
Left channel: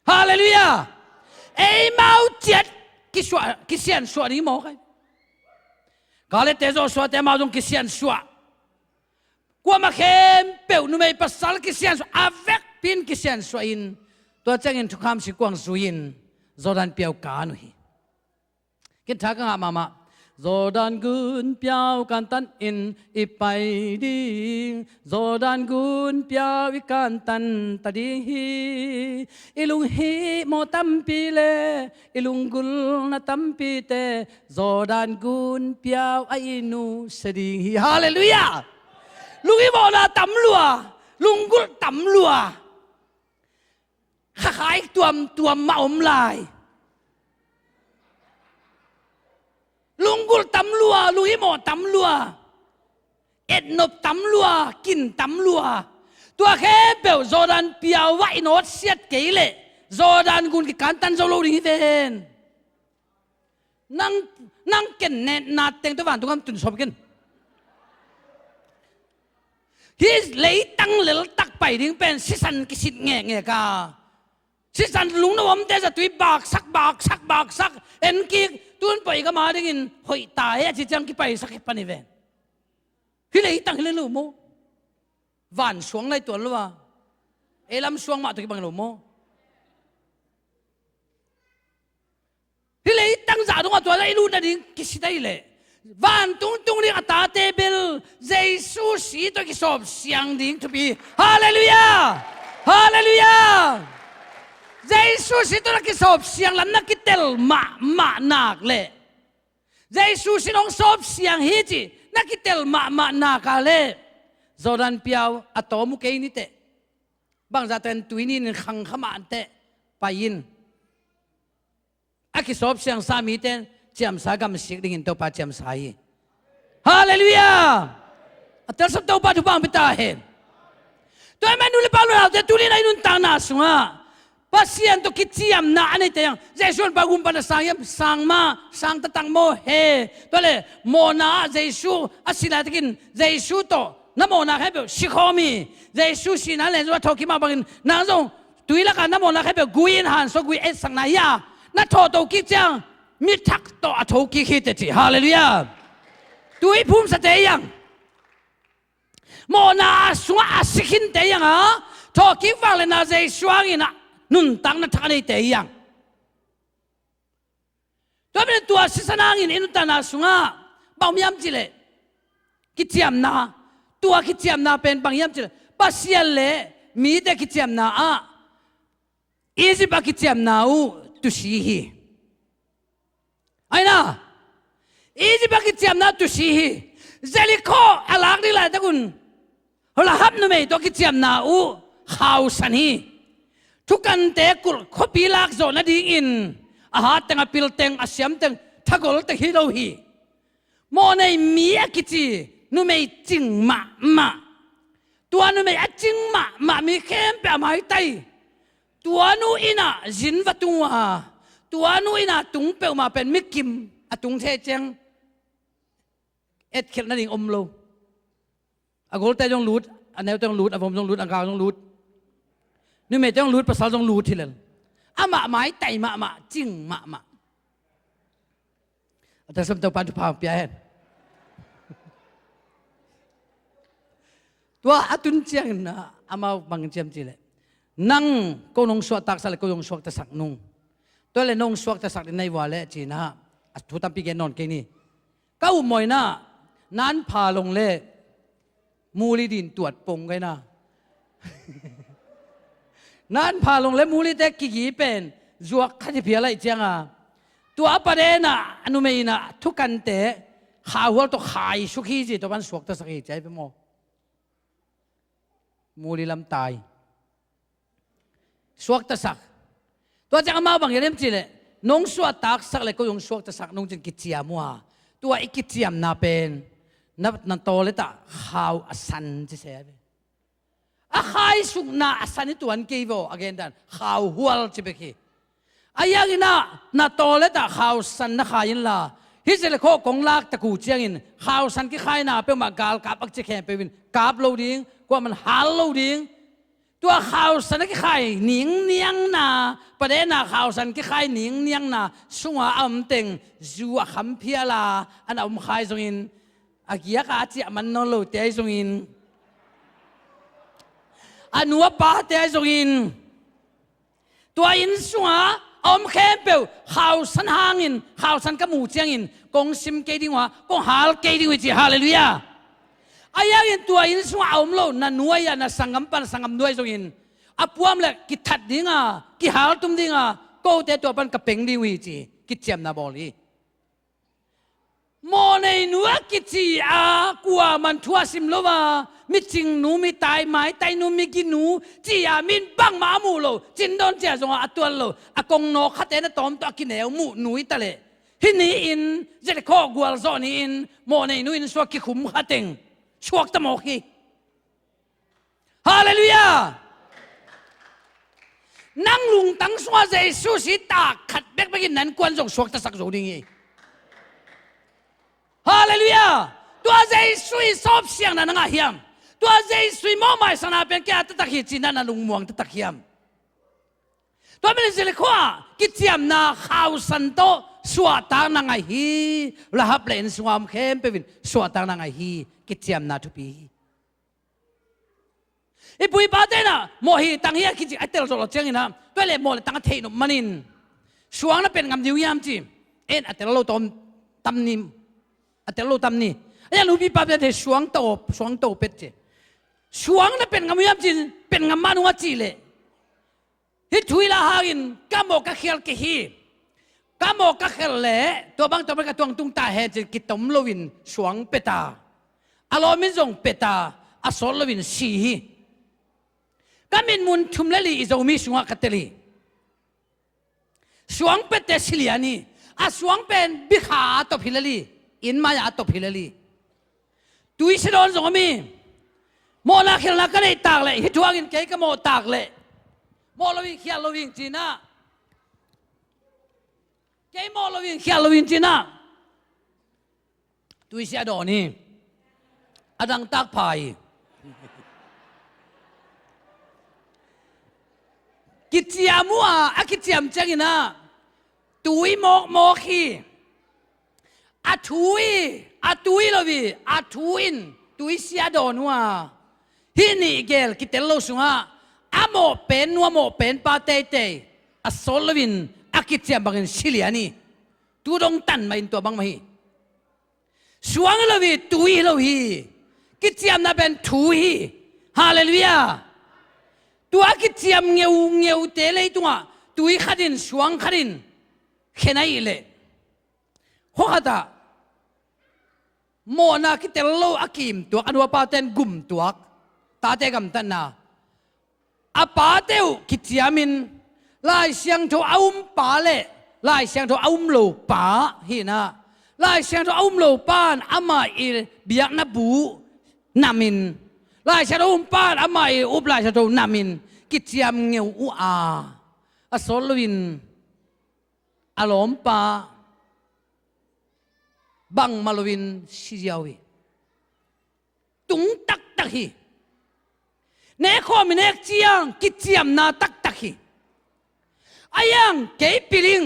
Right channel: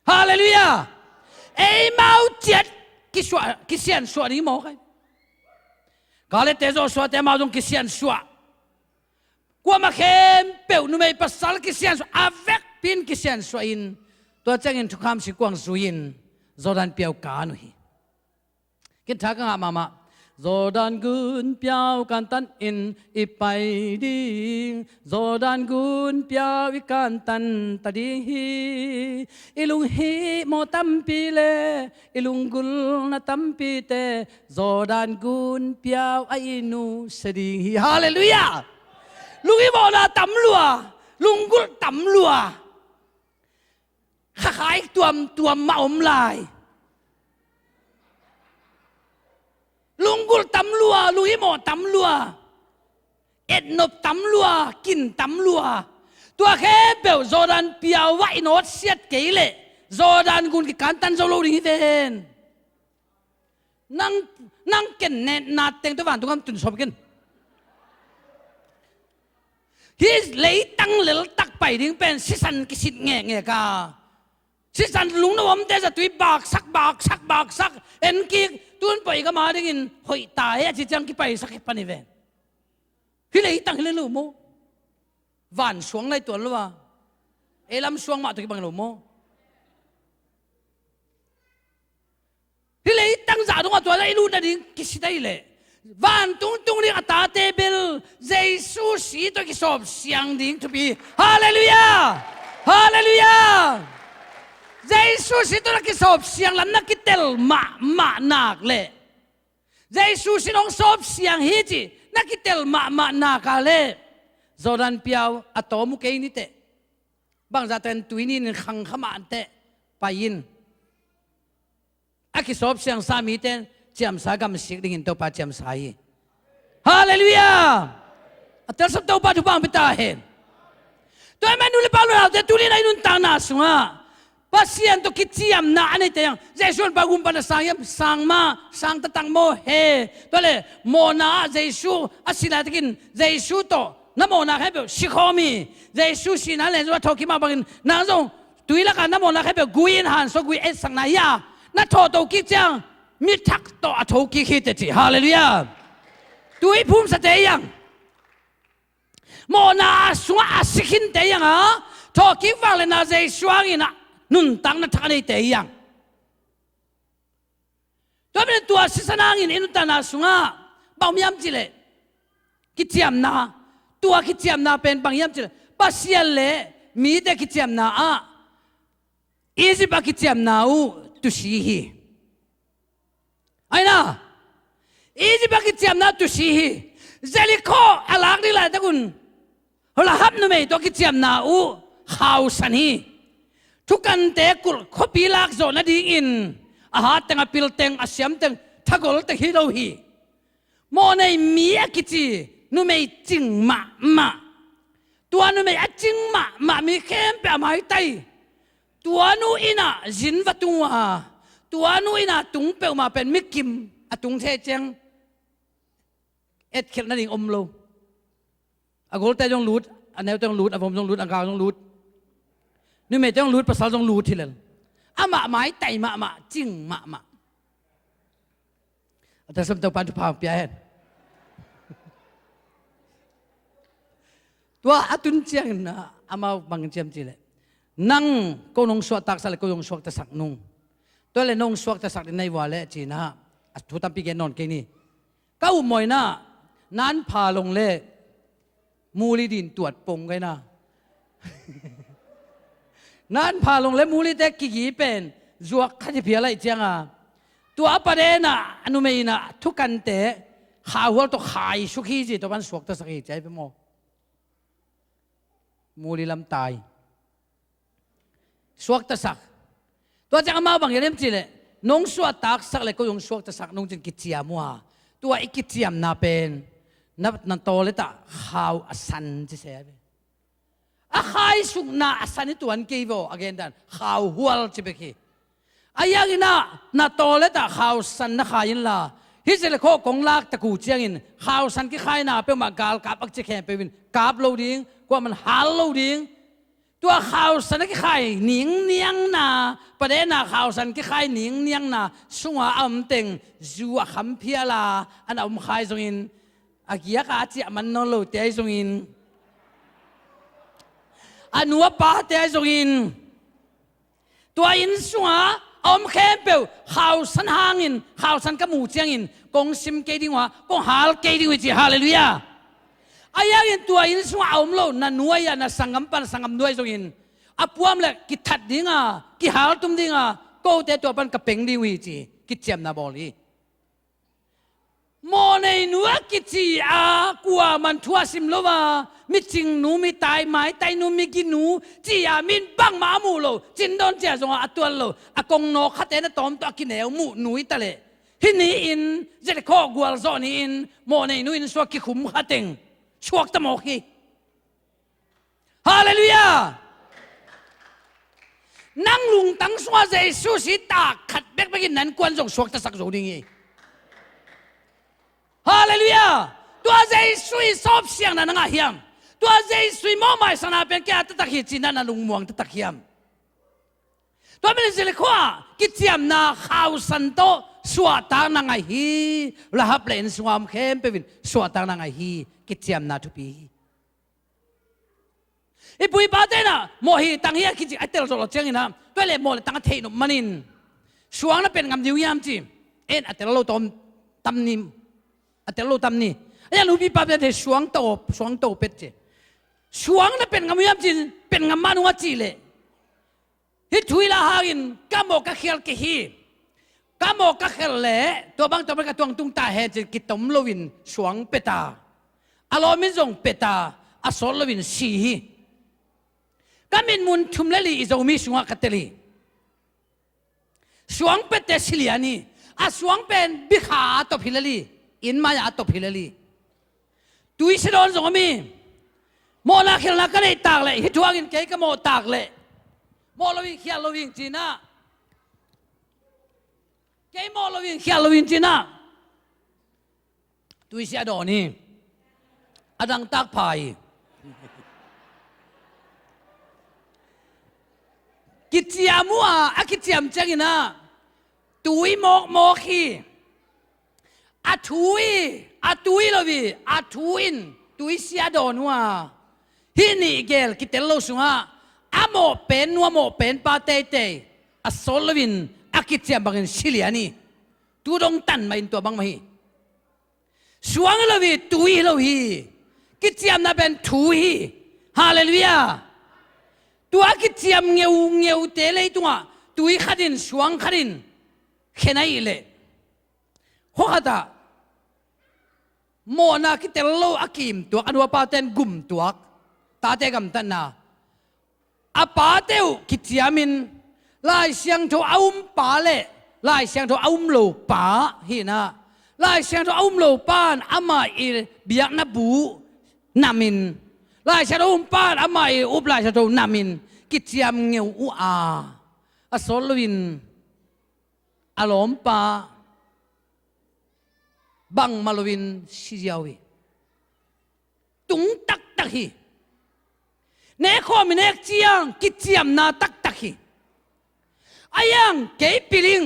hallelujah ei mau jet ki sian so ni mo kai gale te zo so te mau dong ki sian so kwa ma khem peu nu mei pasal ki sian so avec pin ki sian so in to chang in thukam si kwang suin Jordan piau ka nu hi kin tha ka mama Jordan gun piao kan tan in ipai ding Jordan gun piao ikan tan tadi ilung hi mo tampi le ilung gul na tampi te Jordan gun piao ai nu seding hi hallelujah lungi mo na tam lua lung gul tam lua khai tuam ma om lai Lunggul tam lua, lungi mo tam lua, etnop tam lua, kin tam lua. Tua kebel Jordan piau wa inot siat keile, Jordan gun ki kantan zolo ri ven. Nang ken net nat teng tu van tu kam tun sob ken. His lei tang lel tak pai ding pen sisan kisit nge ka. Sisan lung na wam te sa tui bak sak en ki tun pai ka ma ding in hoi ta he chi chang ki pai sak he pani ven hi lei tang le lu mo van suang lai tuan lwa elam suang ma to ki bang lu mo hi lei tang za dong to lai lu na ding ki si dai le van tung ni ata te bel Jesus si to ki sob siang ding to bi hallelujah Jesus itu nak kisop siang lam nak kitel ma nak le. Jesus itu sop siang hiji nak kitel ma nak le. Jordan piau atau muke ini te. Bang zaten tu ini khang khama ante payin. Aki sop siang sami te jam sagam sik dingin to pa jam sai. Hallelujah. Atel sab to pa tu bang bitahen. Tu menuli palu te tu ni na inun tanah sunga. Pasien to kiciam na anay tayang Jesus bagum pa na sang tatang mo he tole mo na Jesus asila tikin Jesus to na mo na hebe shikomi Jesus sinale zo thoki ma bangin na zo tuila ka na mo na hebe guin han so gui et sang na ya na to ki chang mi thak to athoki khite chi hallelujah tui phum sa tayang mo na suwa asikin tayang ha thoki wale na Jesus ina nun tang na thakani te yang to ben tua sisanangin inuta na sunga bangmiam chile kichiam na tua kichiam na pen bangyam chile pasial le mi te kichiam na a easy ba kichiam na u tu si hi aina easy ba kichiam na tu si hi zeliko alang ni la tagun hola hap nu me to kichiam na u house ani tukan te kul khopi lak zo na ding in aha teng apil teng asyam teng thagol te hi lo hi mo nei mi akichi nu mei ching ma tua nu mei aching ma mi khem pa mai tai tua nu ina jin va tua tua nu ina tung pe ma pen mi kim atung the cheng et khel na ding om lo agol te jong lut anel teng lut avom jong lut angao jong lutนี่ไม่ต้องรู้ภาษาต้องรู้ทีละอามาไม้ไต่มาจิ้งมา แต่สมตัวปันทุพามเปียเห็นตัวอตุนเจียงนะอามาบังเจียมจีเลยนั่งก็นงสวดตักสักก็ยงสวดตะสักนุ่งตัวเลยนงสวดตะสักในวาเลจีนะทุตัมปีเกนนแค่นี้ก้าวมวยนะนั้นพาลงเล่มูลีดินตรวจปงไงนะนั้นพาลงเล่มูลีเด็กกี่เป็นจวกขัดเพียอะไรเจียงอ่ะตัวประเด็นน่ะอนุเมย์น่ะทุกกันเตะข่าวว่าตัวขายสุขีจีตัวมันสวกตะสักใจไปหมดมูลีลำตายสวกตะสักตัวจะมาบางอย่างนี้จีเลยนงสวดตักสักเลยก็ยงสวกตะสักนงจึงกิจเจียมัวตัวไอ้กิจเจียมน่าเป็นนับโตเลยตาข่าวอสันจะเสียเลยอาใครสุกน่าอสันนี่ตัวอันเกี่ยวกับดันข่าวหัวจะไปขี้อายังอิน่าโตเลยตาข่าวสันนักขายินละฮิจเลโคกงลากตะกูเจียงอินข่าวสันกี่ใครน่าเป็นมากาลกับอักเจแคมเป็นกาบโลดิ้งกว่ามันหาโลดิ้งตัวข่าวสันกี่ใครหนิงเนียงน่าประเด็นน่ะข่าวสันกี่ใครหนิงเนียงน่าช่วงอัมเต็งจัวคำเพียลาอันอัมใครตรงอินอากิยากาจิมันนโลเตยตรงอินอันวัวป้าเตยตรงอินตัวอินช่วงอมเข้มเปลวข่าวสันหางอินข่าวสันกมูเจียงอินกงซิมเกดิงวะกงฮาลเกดิงวิจิฮาเลลูยาอายังอินตัวอินช่วงอมโลนันนัวยานัสังกัมปันสังกัมด้วยตรงอินอปวมเลยกิทัดดิ้งอ่ะกิฮาลตุมดิ้งอ่ะก็เตตัวปันกับเป่งดิวิจิกิเจียมนาบอลีโมในนัวกิจีอากว่ามันทั่วสิมโลวามิจิงหนูมิตายไม้ตายหนูมิกินหนูจีอามินบังมามูโลจินดอนเจ้าจงอาตัวโลอากงโนขัดเตนตอมตัวกินเหวมูหนุยตะเลฮินีอินเจตโคกวลซอนีอินโมในนูอินสวกิขุมขัดเต็งชวกตะโมกีฮาเลลูยานั่งลุงตั้งสวาเจสุสิตาขัดเบ็กเบกินนั้นกวนจงชวกตะสักโจดิงีฮาเลลูยาตัวใจสุยสอบเสียงนั้นงาเฮียมตัวใจสุยมอไม่สนาเป็นแก่ตะขีจินนั้นลุงมวงตะเฮียมตัวมันสิเลขว่ากิจเจียมนาข่าวสันโตสวดตางนางไอฮีละฮับเลนสวามเข้มเป็นสวดตางนางไอฮีกิจเจียมนาทุปีอีปุยบาเตนะโมฮีตังเฮียกิจไอเตลโซลเจงินะตัวเล่โมเลตังเทนุมันินสวงนั้นเป็นงามดิวยามจีเอ็นอัตโลตอมตำนิมอัตโลตำนี่ยังรู้ปีป้าเป็นสวงโตเป็ดเจสวงนั้นเป็นงามยามจีเป็นงามมานุวัจีเลยฮิตุยละหากินกามอกกะเขียลกะฮีกามอกกะเขียลเล่ตัวบางตัวเป็นกระตวงตุงตาเฮจิกิตมโลวินสวงเป็ดาอารมณ์มิจงเป็ดาอสโลวินสีกามินมุนทุมเลลีอิจงมีสวงกัตเตลีสวงเป็ดเตสิลียนีอาสวงเป็นบิขาตบฮิลลีอินมายาตบฮิลลีตุยสิโดนสงมีโมนาเขียลนักกันไอตากเลยฮิตุอากินเกยกโมตากเลยโมลวินเขียลวินจีน่าเกยโมลวินเขียลวินจีน่าตุยเสียดอนี่อดังตักพายกิจเจียมัวอากิจเจียมเจงินะตุยโมขีอาตุยลวิอาตุยนตุยเสียดอนัวฮินี่เกลกิเตลโลสุงะอโมเป็นนัวโมเป็นปาเตเตอสโลวินอากิจเจียมบังสิลียนี่ตูดงตันมาอินตัวบังมาฮีสวงลวิตุยลวิกิจเจียมน่ะเป็นตุยฮาเลลูยาตัวกิจเจียมเงียวเตเลยตัวตุยขัดินสวงขัดินแค่ไหนเลยหัวตาโมนากิเตลโลอากิมตัวอันว่าปาเตนกุมตัวตาเตกัมตันนาอาปาเตวกิจเจียมินลายเสียงโทอาอุมปาเลลายเสียงโทอาอุมโลปาฮีนะลายเสียงโทอาอุมโลปานอามาอิเบียกนับูนามินลายเสียงโทอาอุมปานอามาอิอุบลายเสียงโทนามินกิจเจียมเงียวอูอาอสลวินอารมณ์ปาบังมาลวินสิยาวีตุงตักฮีเนคอมิเนกเจียงกิจเจียมนาตักฮีอายังเกยปิลิง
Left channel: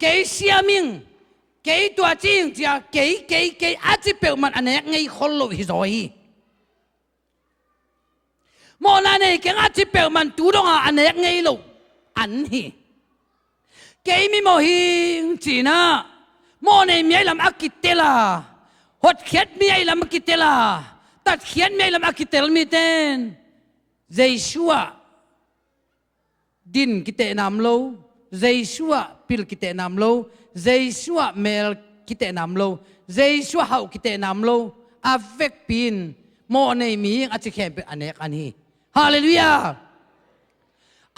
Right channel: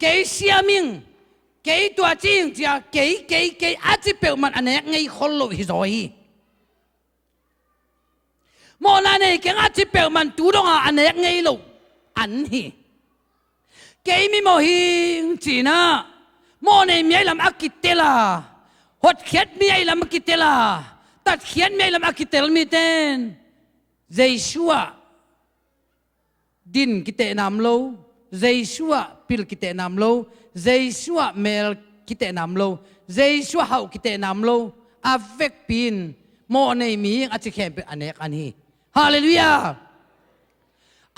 เกยเสียมิง cái tua chiên chia cái ác chỉ biểu mặt anh ấy ngay khôn lội rồi mò này cái ác chỉ biểu mặt tú đông anh ấy ngay lục anh hi cái mi mò hi chỉ na mò này mi làm ác kít la hốt khét mi làm ác kít la tát khét mi làm ác kít mi tên Giêsu din kite nam lo Giêsu pil kite nam lo Giêsu mel kite nam lo Giêsu hau kite nam lo avek pin mo nei mi a chi khem anek ani hallelujah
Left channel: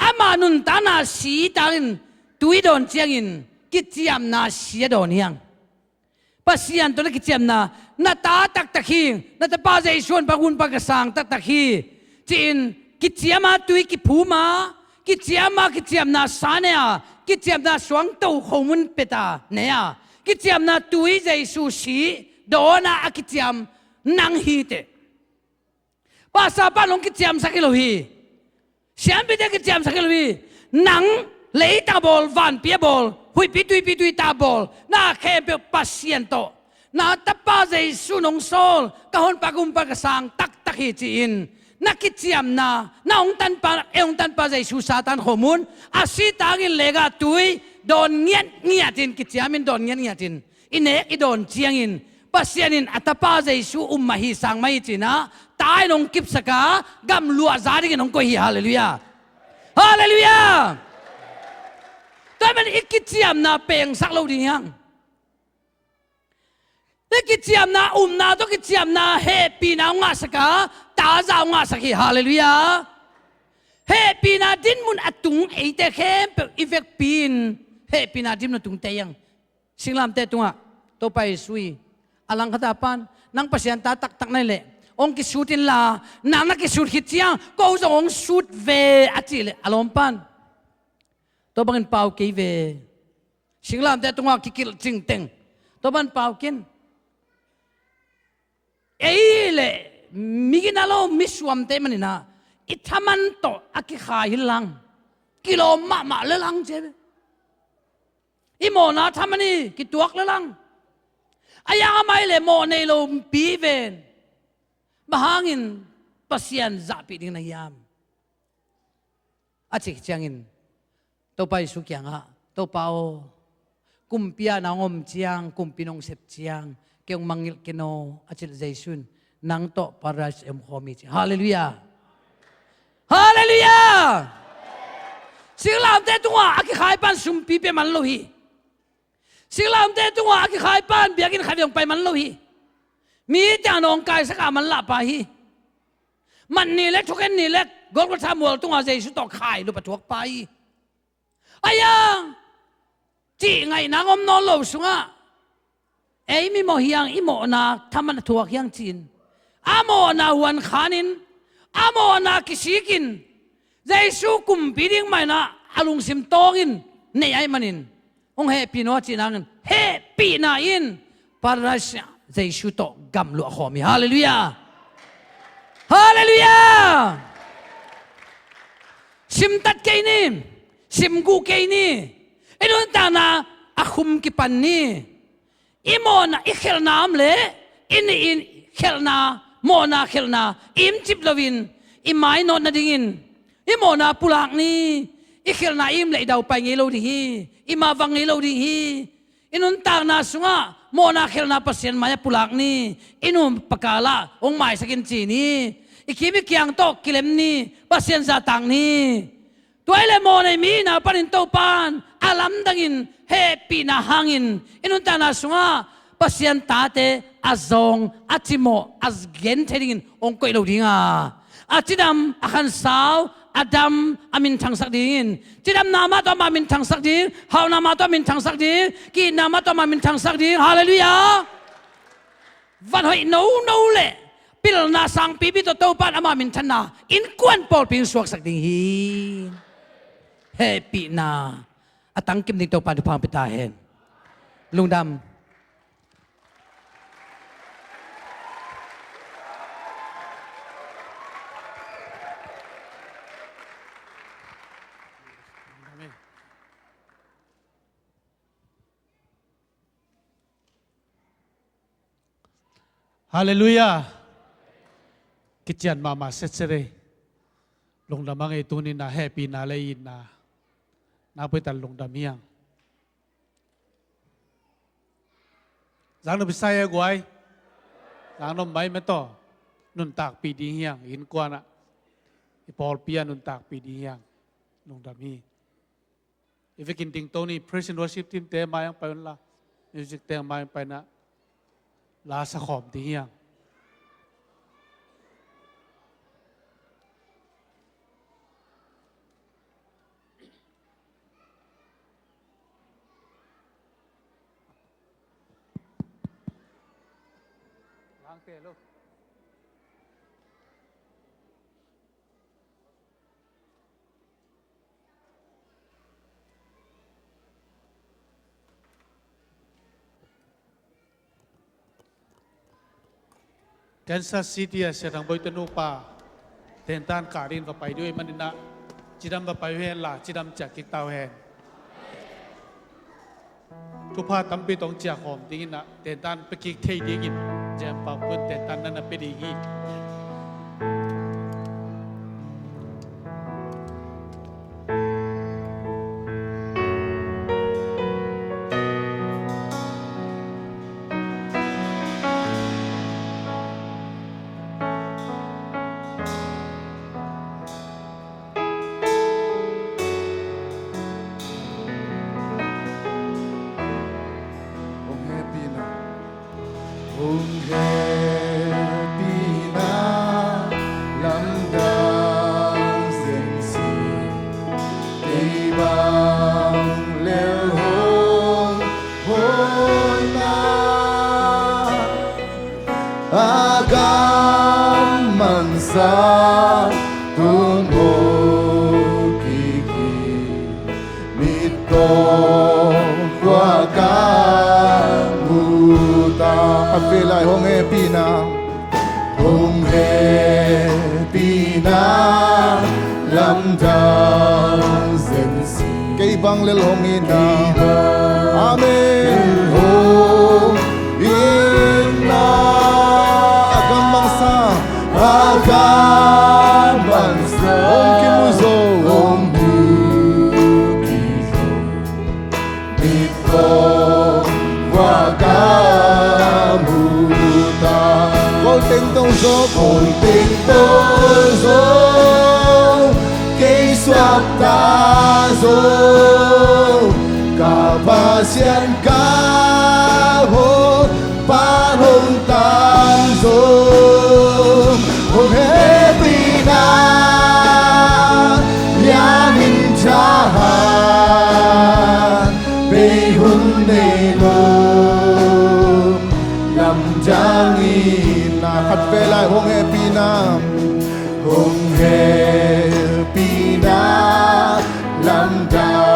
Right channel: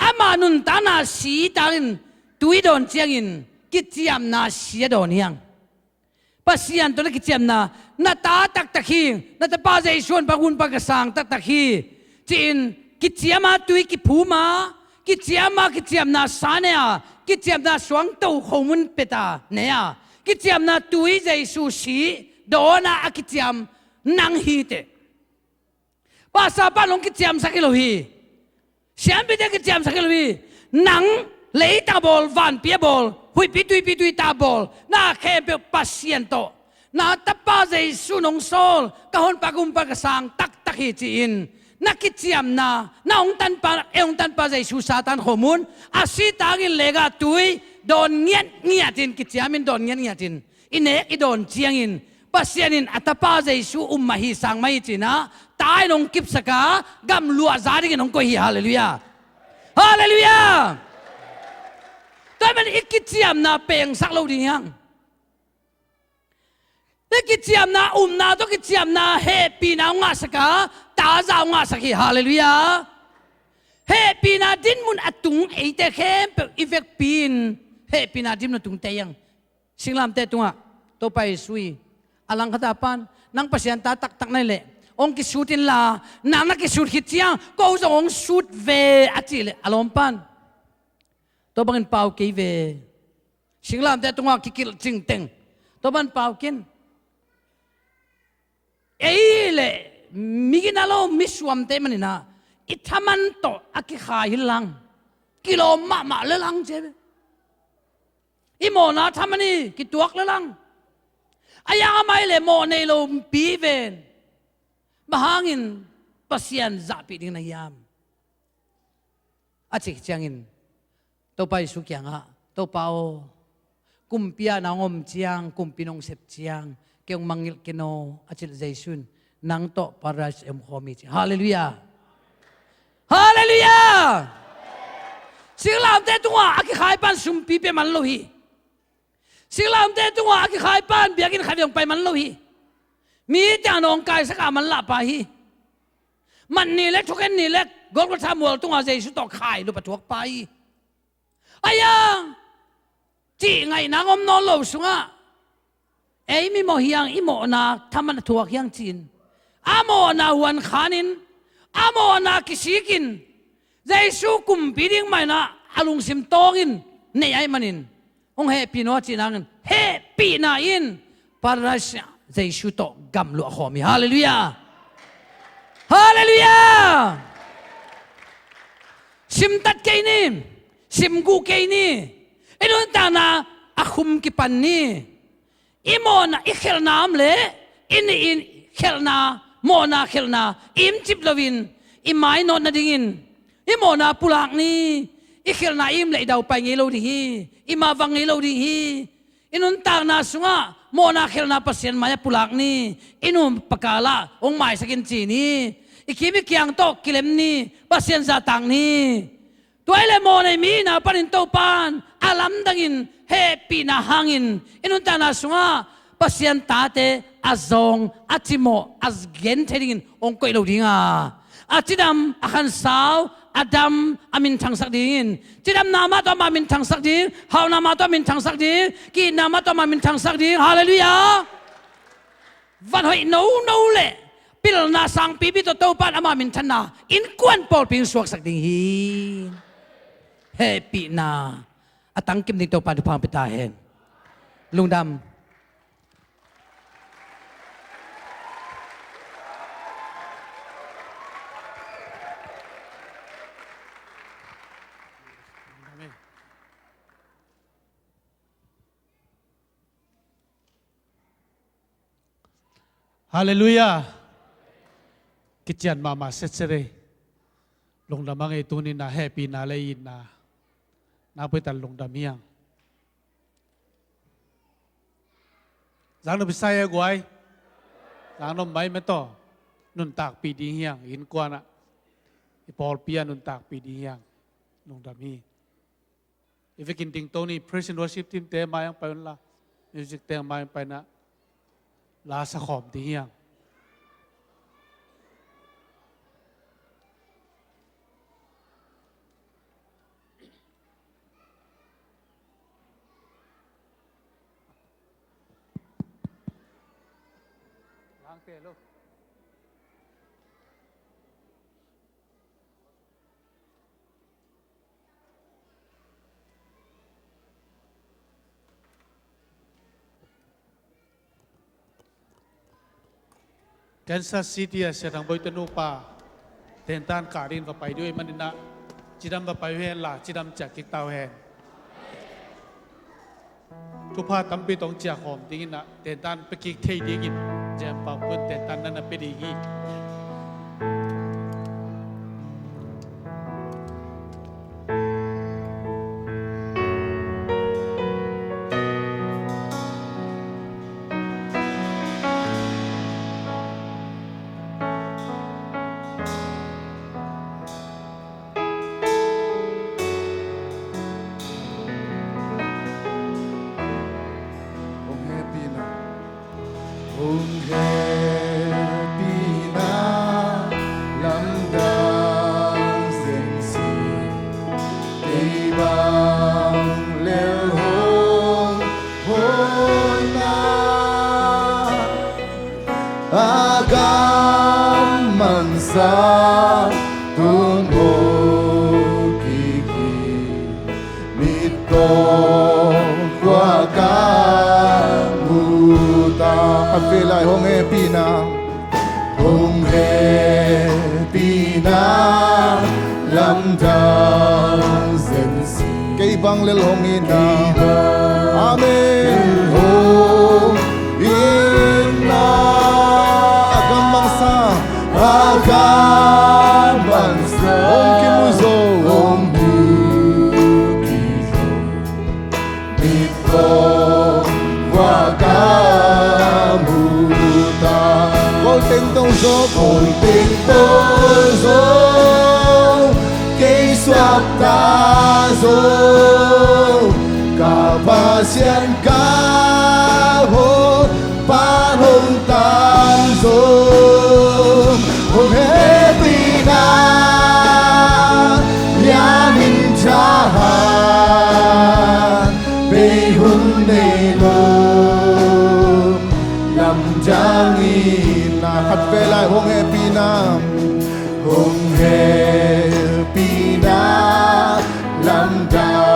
ama nun tana si tarin tui don chiangin kitiam na si don hiang pasian to kitiam na ta tak tak hi na ta pa Giêsu pa hun pa ka sang tak tak hi chin kitiama tui ki phuma kitiam na sanea kitiam na suang to khomun peta nea kitiam na tui Giêsu si dona akitiam nang hi te pasa pa long kitiam sakilo hi siam bi de kitiam sakilo hi nang lei ta bol van pia bol hui pi tui ta bol na khe pe pasien to na tapa Giêsu nong sol ka hon pa gum pa ka sang tak tak hi chin nakitiam na ong tan pa Giêsu satan khomun asitangin lega tui don ngiatin kitiamin don ngiatin ine idon chiangin pasianin atapa Giêsu ummahi sangmai china tai nong kip saka gam lua zari nong ko hi hallelujah hallelujah taman ikitiam na peng saklo ding yang kitiam na to kitiam na happy na nga saka ta za nga saki hallelujah happy na din mun atung eite khem pe effect pin happy na din na tung tayang singlam te tunga to pai sui alang khatapan nang pasian ta tak tak nai le ong ki sutin la nang na ki sut hitchiang ko zo ong sut ve achile alom pan to bangin pau ke ve singlam te tunga ki kil ching teng to ban pau kin eile miginalo miswam te manina ithaman to aki khailang kilo ma le lang je imona thamani ki tuak le lang aya mai le mo nei lo pi ven bahangin pasian zapi ding na yam achik changin to pai su kyanga to pao kumpia na ngom chiang kumpinong sep chiang kyong mangil kino achil Giêsun nang to paras em khomi hallelujah hallelujah singlam te tunga aki khai pan sum pi pe man lo hi singlam te tunga aki khai pan biakin khavyong pai man lo hi mi ta nong kai saka man la pa hi man ni le thoken ni le gol ko thamol tunga Giêsu to khai lu patuak pai aya chi ngai nangom no lo sunga ei mi mo hiang imo na thaman thuak hiang chin amo na wan khanin amo na kisikin Giêsu kum piding mai na alung sim tongin nei ai manin ong happy no chinangin happy na in parasya Giêsu to gam lu khomi hallelujah hallelujah sim tat ke ni sim gu ke ni enun ta na akhum ki pan ni imona ikhel nam le in khelna mona khelna im chip lovin imai no na dingin imona pulak ni ikhelna im le dau pai nge lo di hi ima wang nge lo di hi inun ta na sunga mona khelna pasien maya pulak ni inum pakala ong mai sakin chi ni ikimi kyang to kilem ni pasien za tang ni toile mo nei mi na panin to pan alam dangin happy na hangin inun ta na sunga pasian tate azong atimo azgen thedin ong koi lo dinga atidam akhan saw adam amin thang sak din tidam nama to ma min thang sak din haw nama to min thang sak din ki nama to ma min thang sak din hallelujah van hoi no le pil na sang pi bi to pan ama min thana in kwan pol ping suak sak ding hi happy na atang kim ding to pan phang pita hen lungdam Hallelujah. Kitchen mama setsere. Lungdam ang ito ni na happy na layin na napitan lungdam yang. Zang no Bisaya guay. Zang no may meto. Nun tak pidi yang in kwa na. Ipol pia nun tak pidi yang lungdam hi. If you can think Tony praise and worship team te mayang pa yun la. Music te mayang pa na. La sa khom ti yang. Hello. Kansas City sa tang boy tanu pa tentan karin va paiด้วยมันนะจิดำva pai hen la chidam chak tik taw henทุพาตัมปีตองเจียหอมดีนะเตนตันไปกิกเทดีกินแจมปากเพื่อนเตนตันนั่นไปดีกีHung happy na lamdam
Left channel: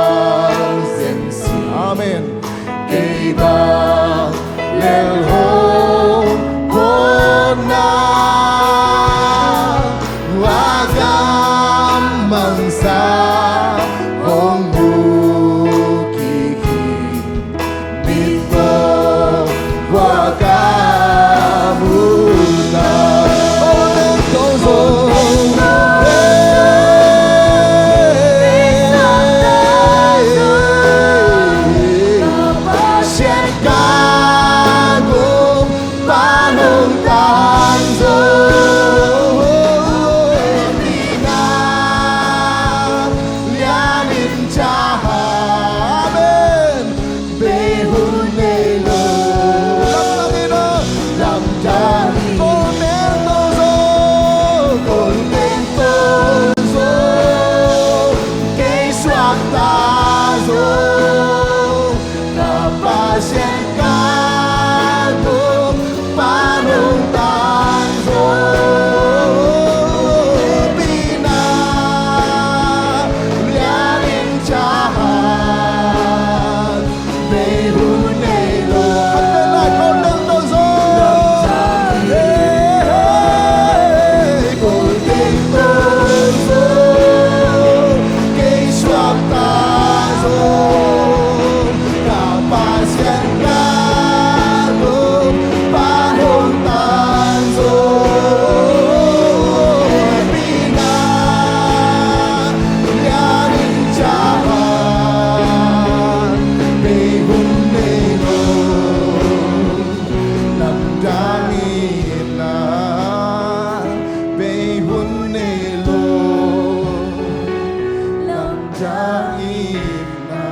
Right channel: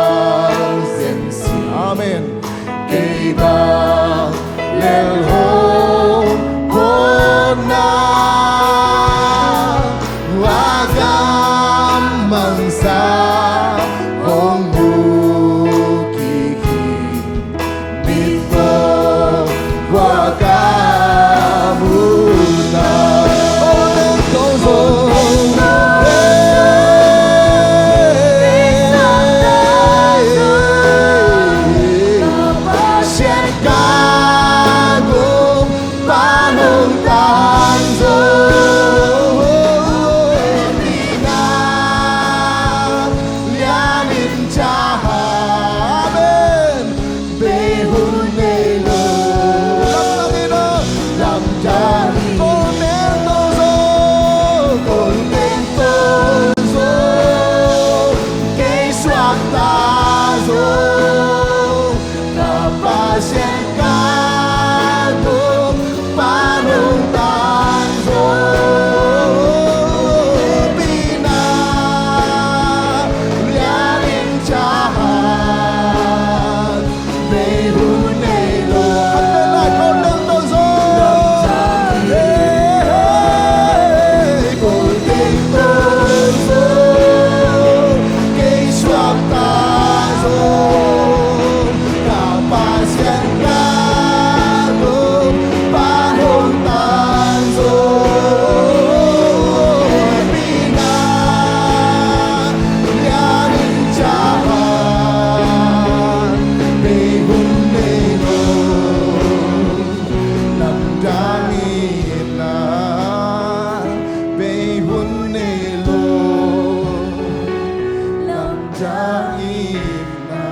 jangina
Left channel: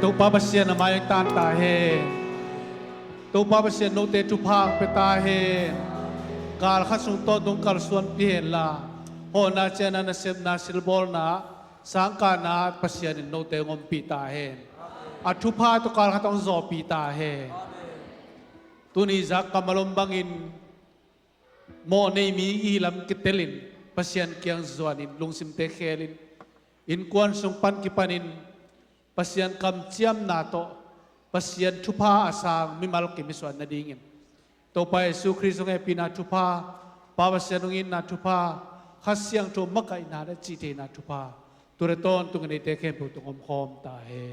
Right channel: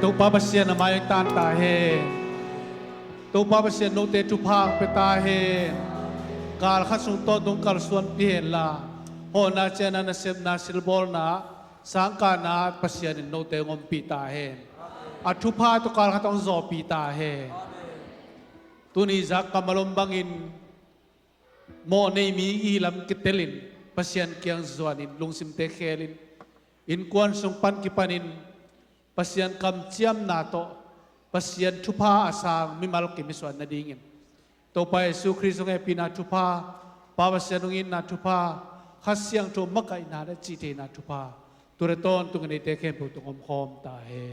tu pa basia na mai tan ta he tu pa basia no te tu phang pe ta he kal khasung to dung kal suan pi la ho na chena na sep na silbol na sangka na pasia ni no te ngom pi ta he athu pha tu kal khatong zo pi ta he tu ni zak kamalom bangin mo nei mi i lam kitelin pasian kyang zuanin lungsim te khelin in kwan sung pan ki panin pasian kam chiam na to pasian thupa asang mi mal ki miswan na dingin to pa Yesu Kristo nge pina thupa pa pasian ngin na thupa khasyang to makai na da chi te na thupa tureton tu ngani te khem tu ngom khom ta he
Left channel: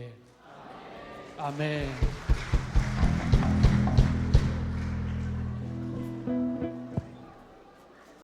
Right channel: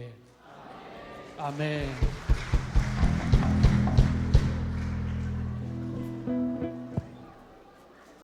amen